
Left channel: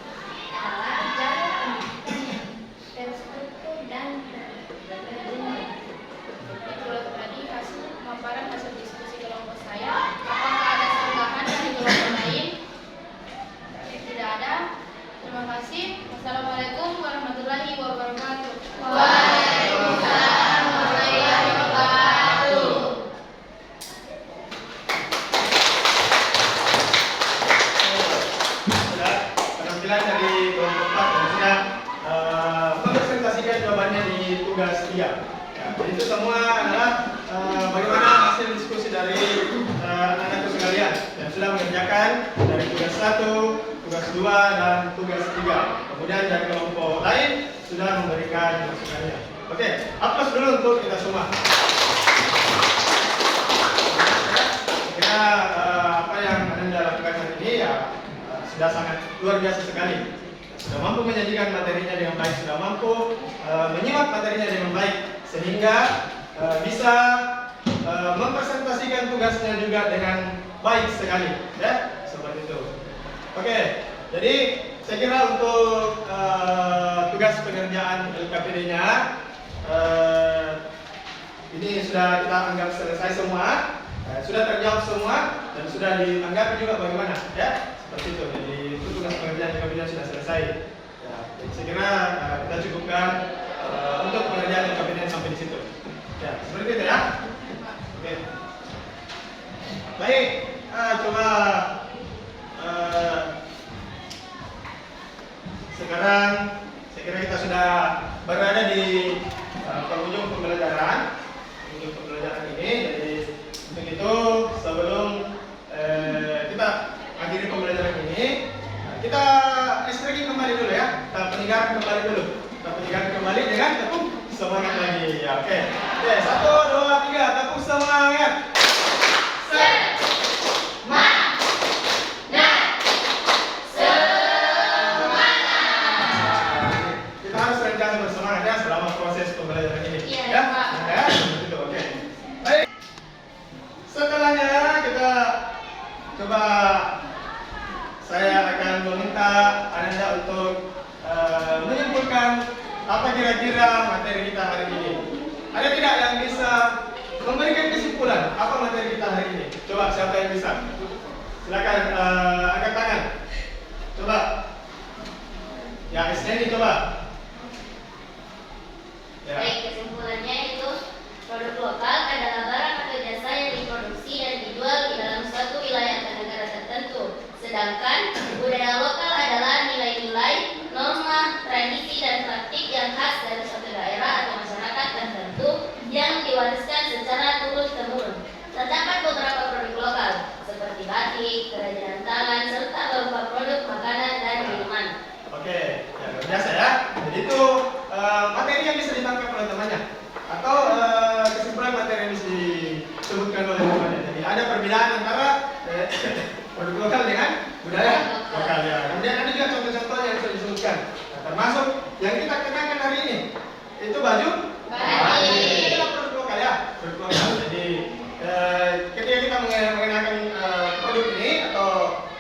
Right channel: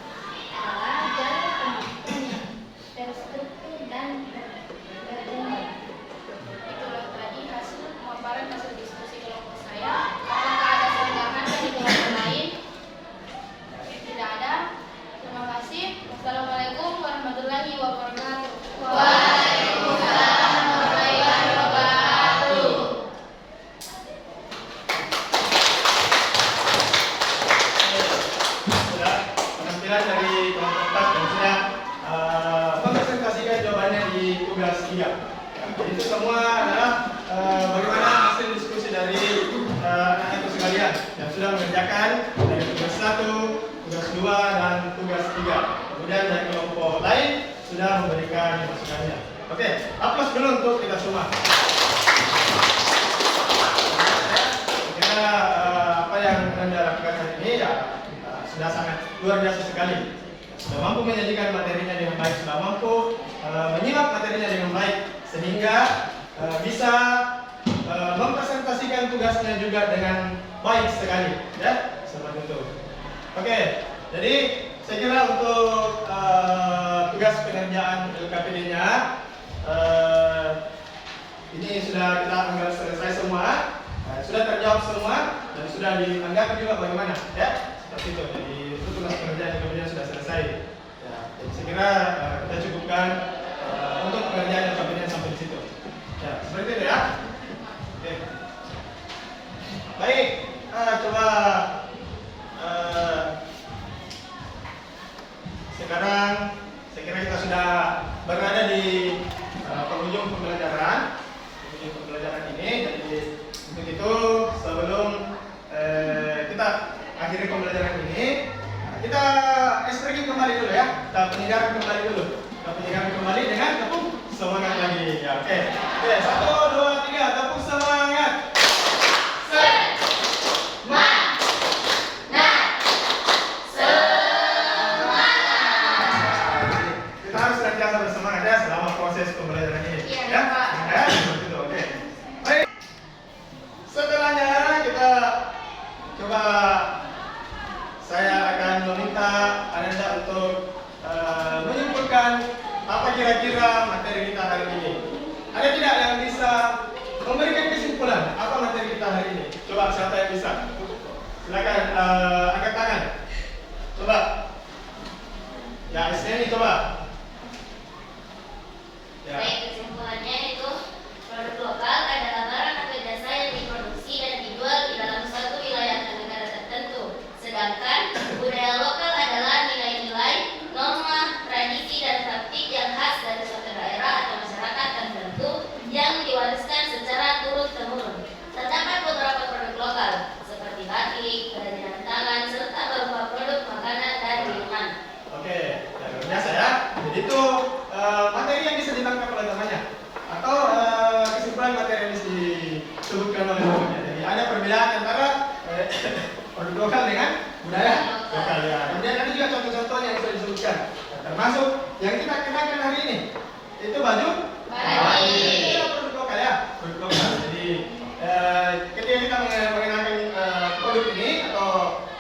adalah jalur pendidikan yang terstruktur dan berjenjang. Itulah tadi hasil pemaparan hasil diskusi kelompok saya. Apakah ada tambahan dari kelompok lain? Tidak ada. Terima kasih. Wassalamualaikum warahmatullahi wabarakatuh. Waalaikumsalam warahmatullahi wabarakatuh. Sudah penampilan dari kelompok 4 dan sudah mempresentasikan jawabannya di tugas 3. Ya, jadi itu semua adalah bagaimana hasil diskusi dari anak-anak sekalian yang sudah mengerjakan dari tugas 1, tugas 2, dan tugas 3. Kemudian dari kelompok lain sudah memberikan masukannya. Oke, aplaus dulu untuk kita semua. Kira apa yang Anda lakukan hari ini ya sudah sangat luar biasa sekali. Sudah mampu menyajikan materinya dengan baik, sudah mampu menyimak materinya dengan baik, sehingga bisa mempresentasikan tugasnya juga dengan baik sekali, ya seperti itu. Oke, jadi saya kira untuk tugas pengerjaan LKPD-nya ini sudah kita anggap selesai semua, sudah terjawab semua, dan sudah dianggap juga bagaimana, ya seperti itu. Jadi itu tugas pengerjaan LKPD sudah selesai. Ya, jadi saya kira kita cukupkan untuk pengerjaan LKPD sampai di situ. Ya, seperti itu ya. Oke. Baik, coba sekarang saya kira kita sudah berada di penghujung pembelajaran ini. Jadi untuk itu sebelum kita akhiri pembelajaran ini, kita stretching kembali dulu ya. Kita penyegarkan kembali dulu. Kita penyegarkan kembali dengan tepuk semangat lagi. Ya, oke. Oke, 1, 2, 3, tepuk semangat. Kita harus senantiasa bersemangat ya selama proses pembelajaran ini. Iya, Ya, Pak. ya, seperti itu. Oke. Baik. Setelahnya kita coba saya akan meminta Anda untuk menyimpulkan apa kira-kira materi kita hari ini. Ada tidak yang bisa memberikan kesimpulan apa materi kita hari ini? Coba siapa yang bisa? Silakan angkat tangan. Coba. Ya, Isneni coba. Ya. Baik, kesimpulannya itu produk lokal adalah barang atau jasa yang diproduksi dan dijual di dalam suatu wilayah atau negara tertentu. Sedangkan budaya lokal adalah nilai-nilai, norma, tradisi, dan praktik yang khas dari suatu daerah atau masyarakat tertentu yang diwariskan secara turun-temurun. Terdapat beberapa produk lokal seperti batik, kerajinan tangan, serta beberapa produk makanan dan minuman. Oke, ya luar biasa ya. Jadi itu materi yang bisa ditangkap oleh temannya atau kesimpulan materi yang disebutkan oleh temannya. Jadi ada perbedaan antara produk lokal dengan budaya lokal ya. Kemudian ada juga contoh-contoh yang bisa disebutkan. Nah, termasuk yang kita kenakan hari ini itu baju batik. Itu adalah produk lokal ya, produk lokal. Jadi ketika kita mengenakan produk ini atau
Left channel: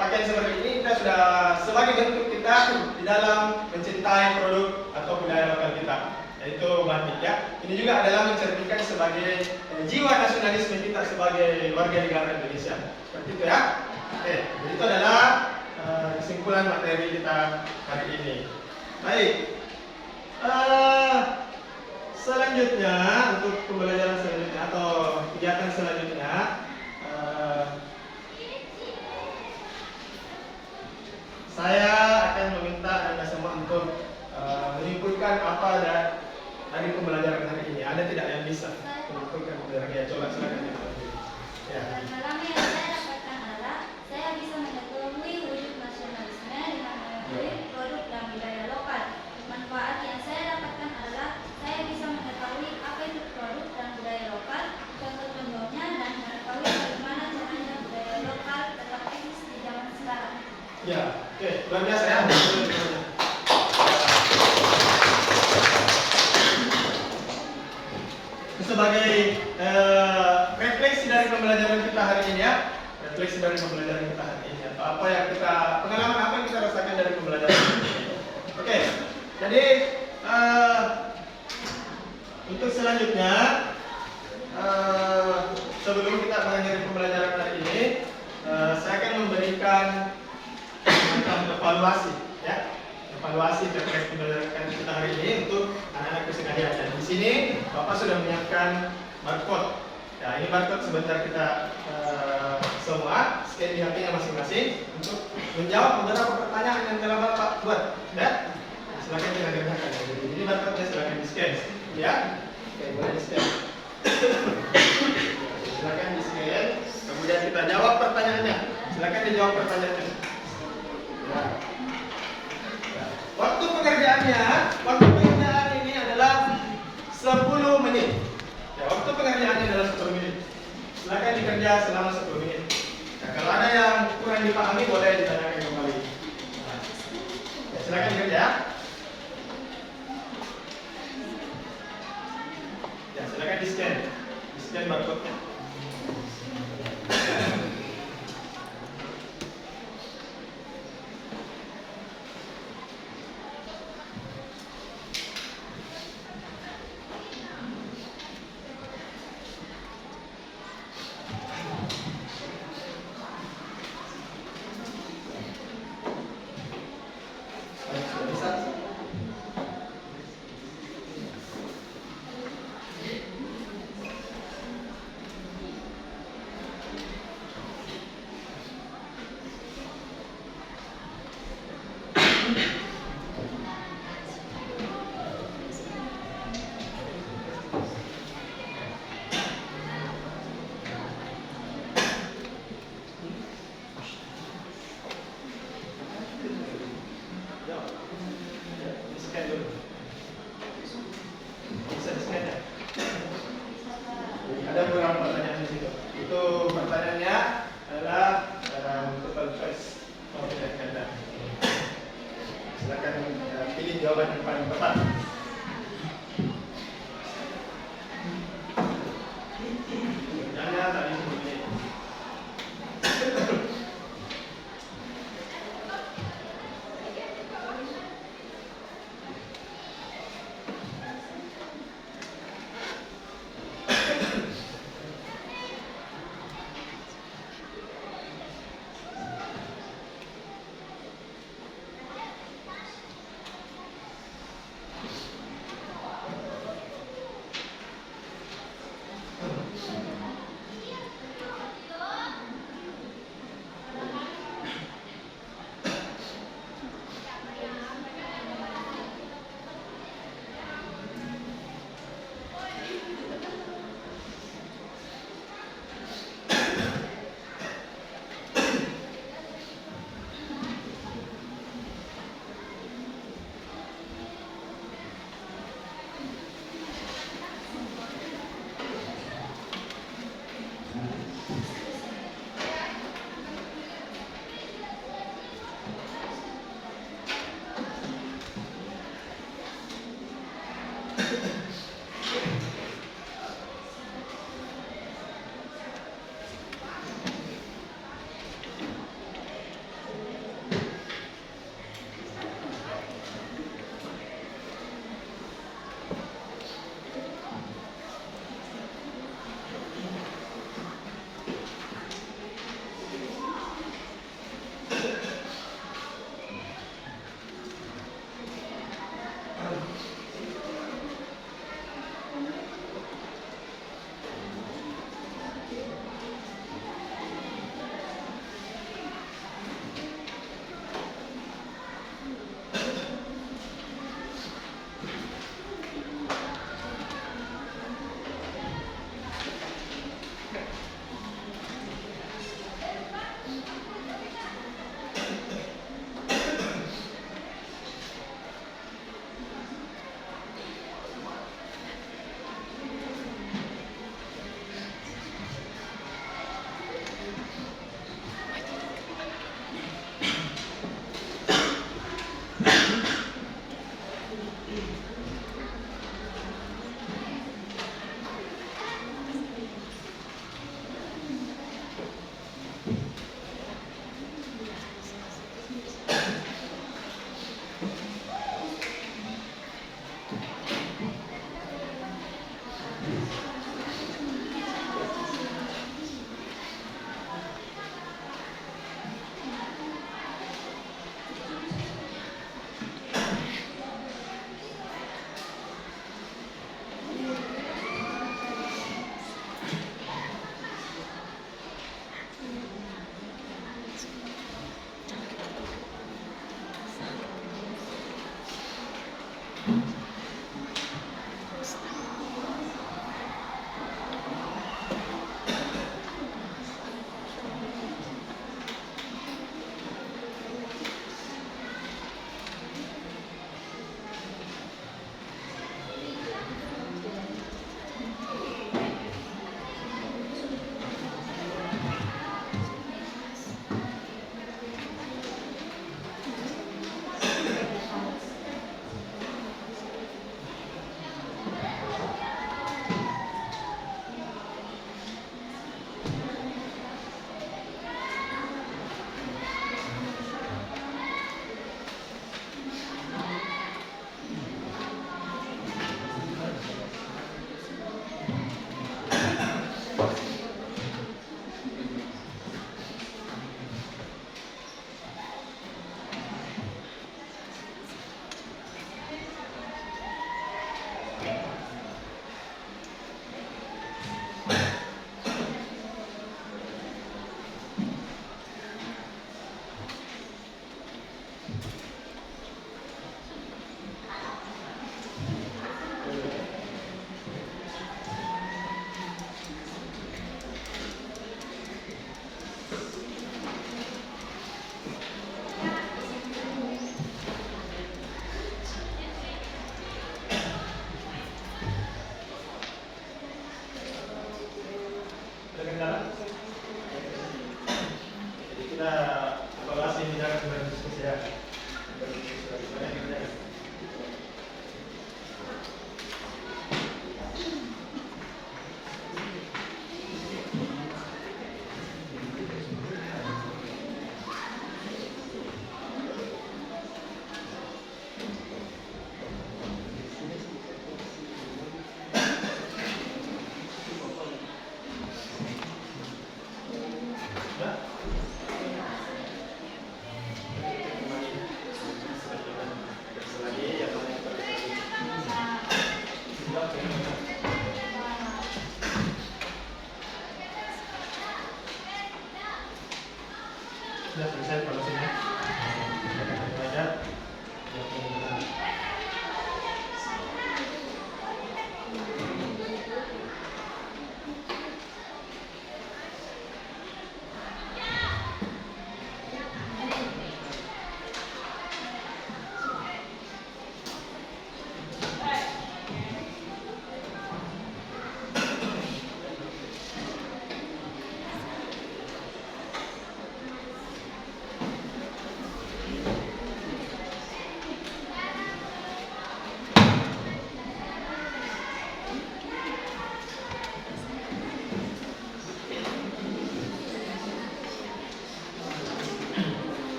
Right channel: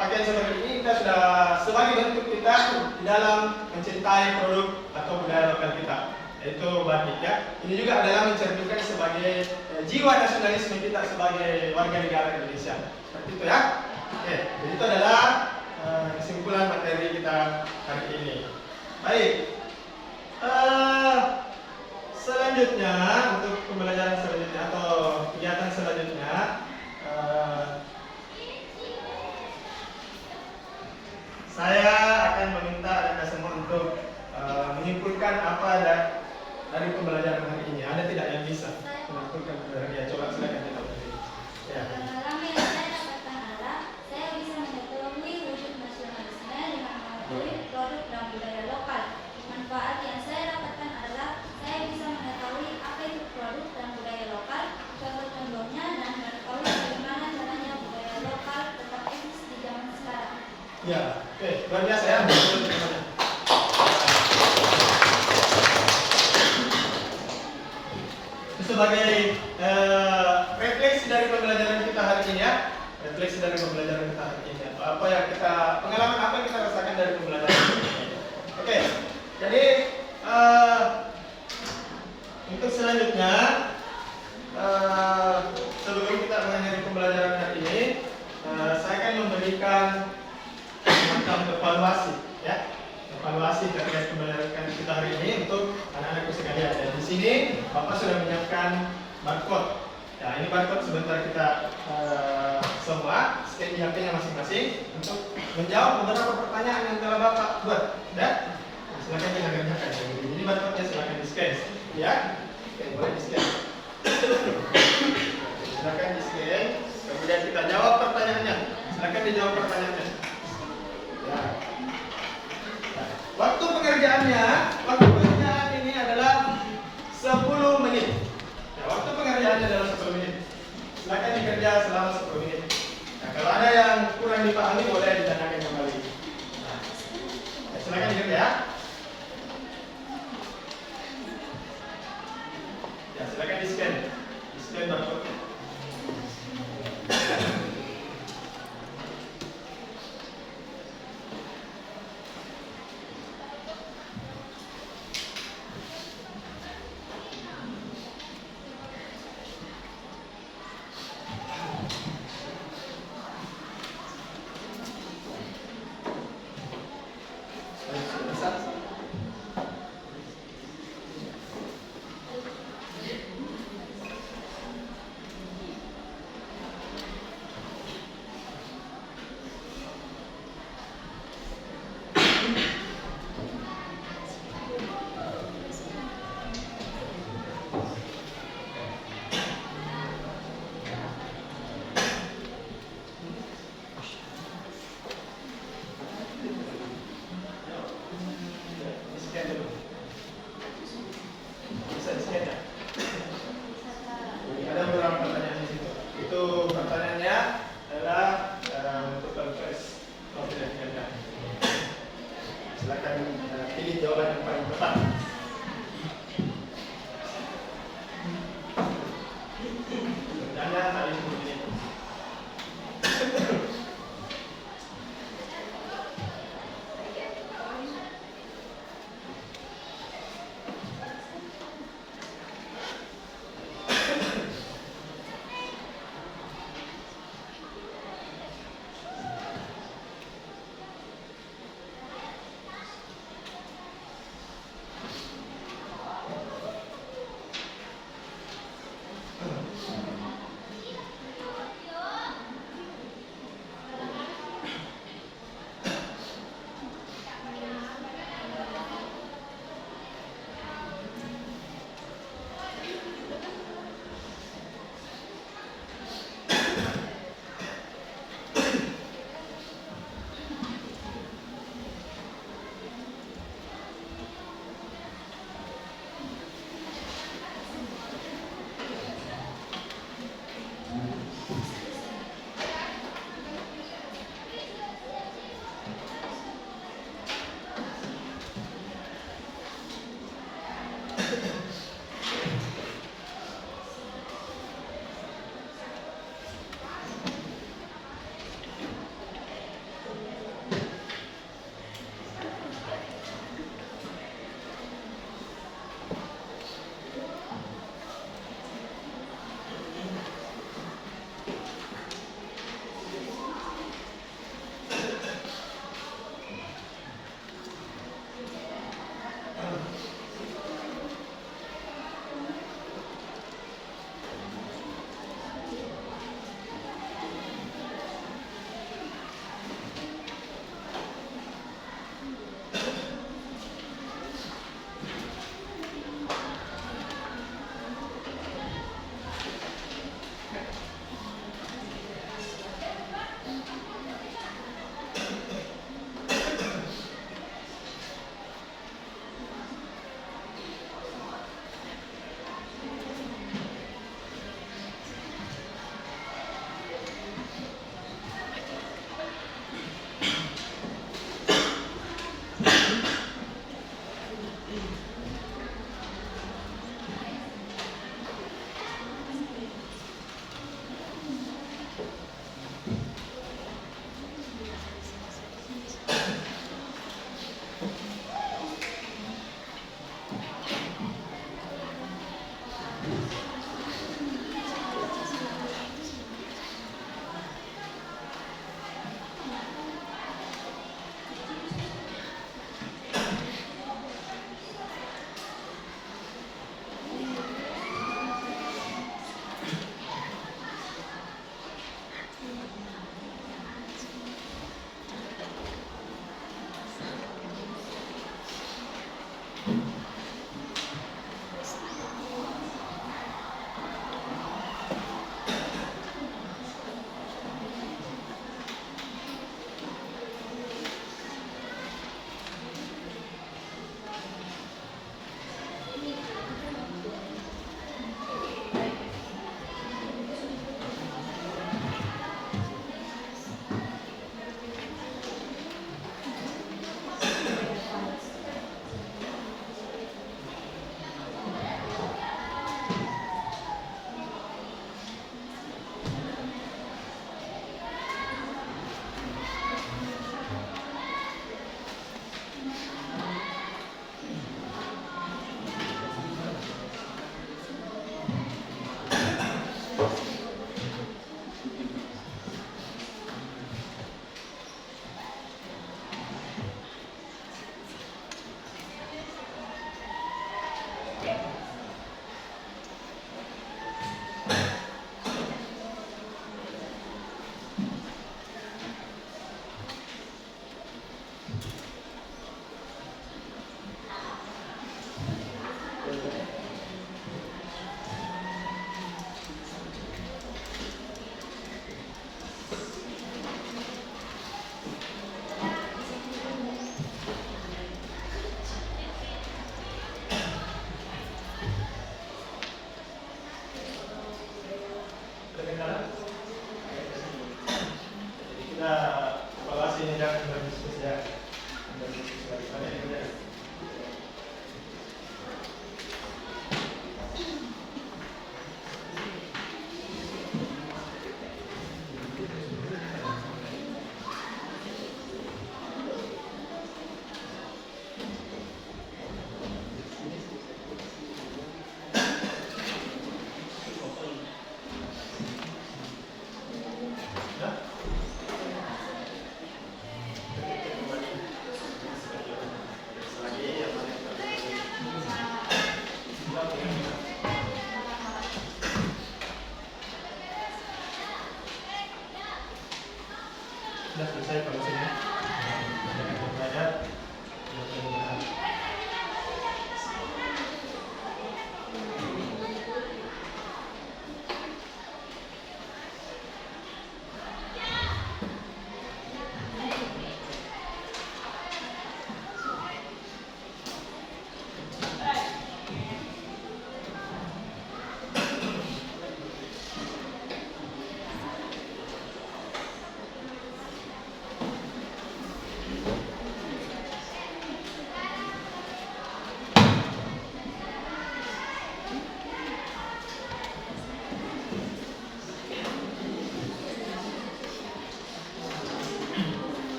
pakaian seperti ini, kita sudah sebagai bentuk kita di dalam mencintai produk atau budaya lokal kita, yaitu batik ya. Ini juga adalah mencerminkan sebagai jiwa nasionalisme kita sebagai warga negara Indonesia. Seperti itu ya. Oke, jadi itu adalah kesimpulan materi kita hari ini. Baik. Selanjutnya untuk pembelajaran selanjutnya atau kegiatan selanjutnya menyimpulkan apa dari pembelajaran hari ini? Ada tidak yang bisa menyimpulkan pembelajaran? Ya, coba silakan. Ya. Pengalaman yang saya dapatkan adalah saya bisa mengetahui wujud nasionalisme dengan mengetahui produk dan budaya lokal. Manfaat yang saya dapatkan adalah saya bisa mengetahui apa itu produk dan budaya lokal, contoh-contohnya, dan mengetahui bagaimana caranya budaya lokal tetap eksis di zaman sekarang. Ya, oke, luar biasa ya. Sebagai refleksi dari pembelajaran kita hari ini ya, refleksi dari pembelajaran kita hari ini. Apa yang kita pengalaman apa yang kita rasakan dari pembelajaran ini? Oke, jadi untuk selanjutnya sebelum kita mengakhiri pembelajaran hari ini, saya akan memberikan semacam evaluasi ya. Evaluasi terkait pembelajaran kita hari ini untuk anak-anakku sekalian. Dan di sini Bapak sudah menyiapkan barcode. Ya, ini barcode sebentar kita semua scan di HP-nya masing-masing untuk menjawab beberapa pertanyaan yang telah Bapak buat. Ya, silakan dikerjakan. Jadi barcode-nya silakan di-scan. Ya, oke, boleh di-scan. Silakan di-scan. Kemudian kita jawab pertanyaannya. Silakan dijawab pertanyaannya. Ya. Waktu pengerjaan ini adalah 10 menit. Ya, waktu pengerjaannya adalah 10 menit. Silakan dikerja selama 10 menit. Ya, kalau ada yang kurang dipahami boleh ditanyakan kembali. Ya, silakan dikerja. Ya, silakan di-scan. Di-scan barcode-nya. sudah selesai evaluasinya. Kita belajar.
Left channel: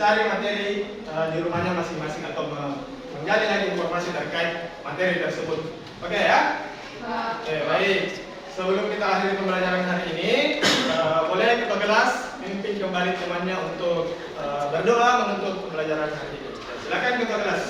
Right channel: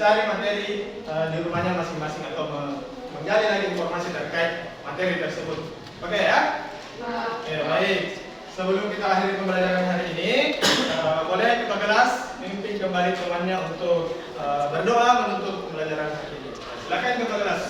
mencari materi di rumahnya masing-masing atau menggali lagi informasi terkait materi tersebut. Oke ya? Oke, baik. Sebelum kita akhiri pembelajaran hari ini, boleh ketua kelas memimpin kembali temannya untuk berdoa menutup pembelajaran hari ini. Silakan ketua kelas.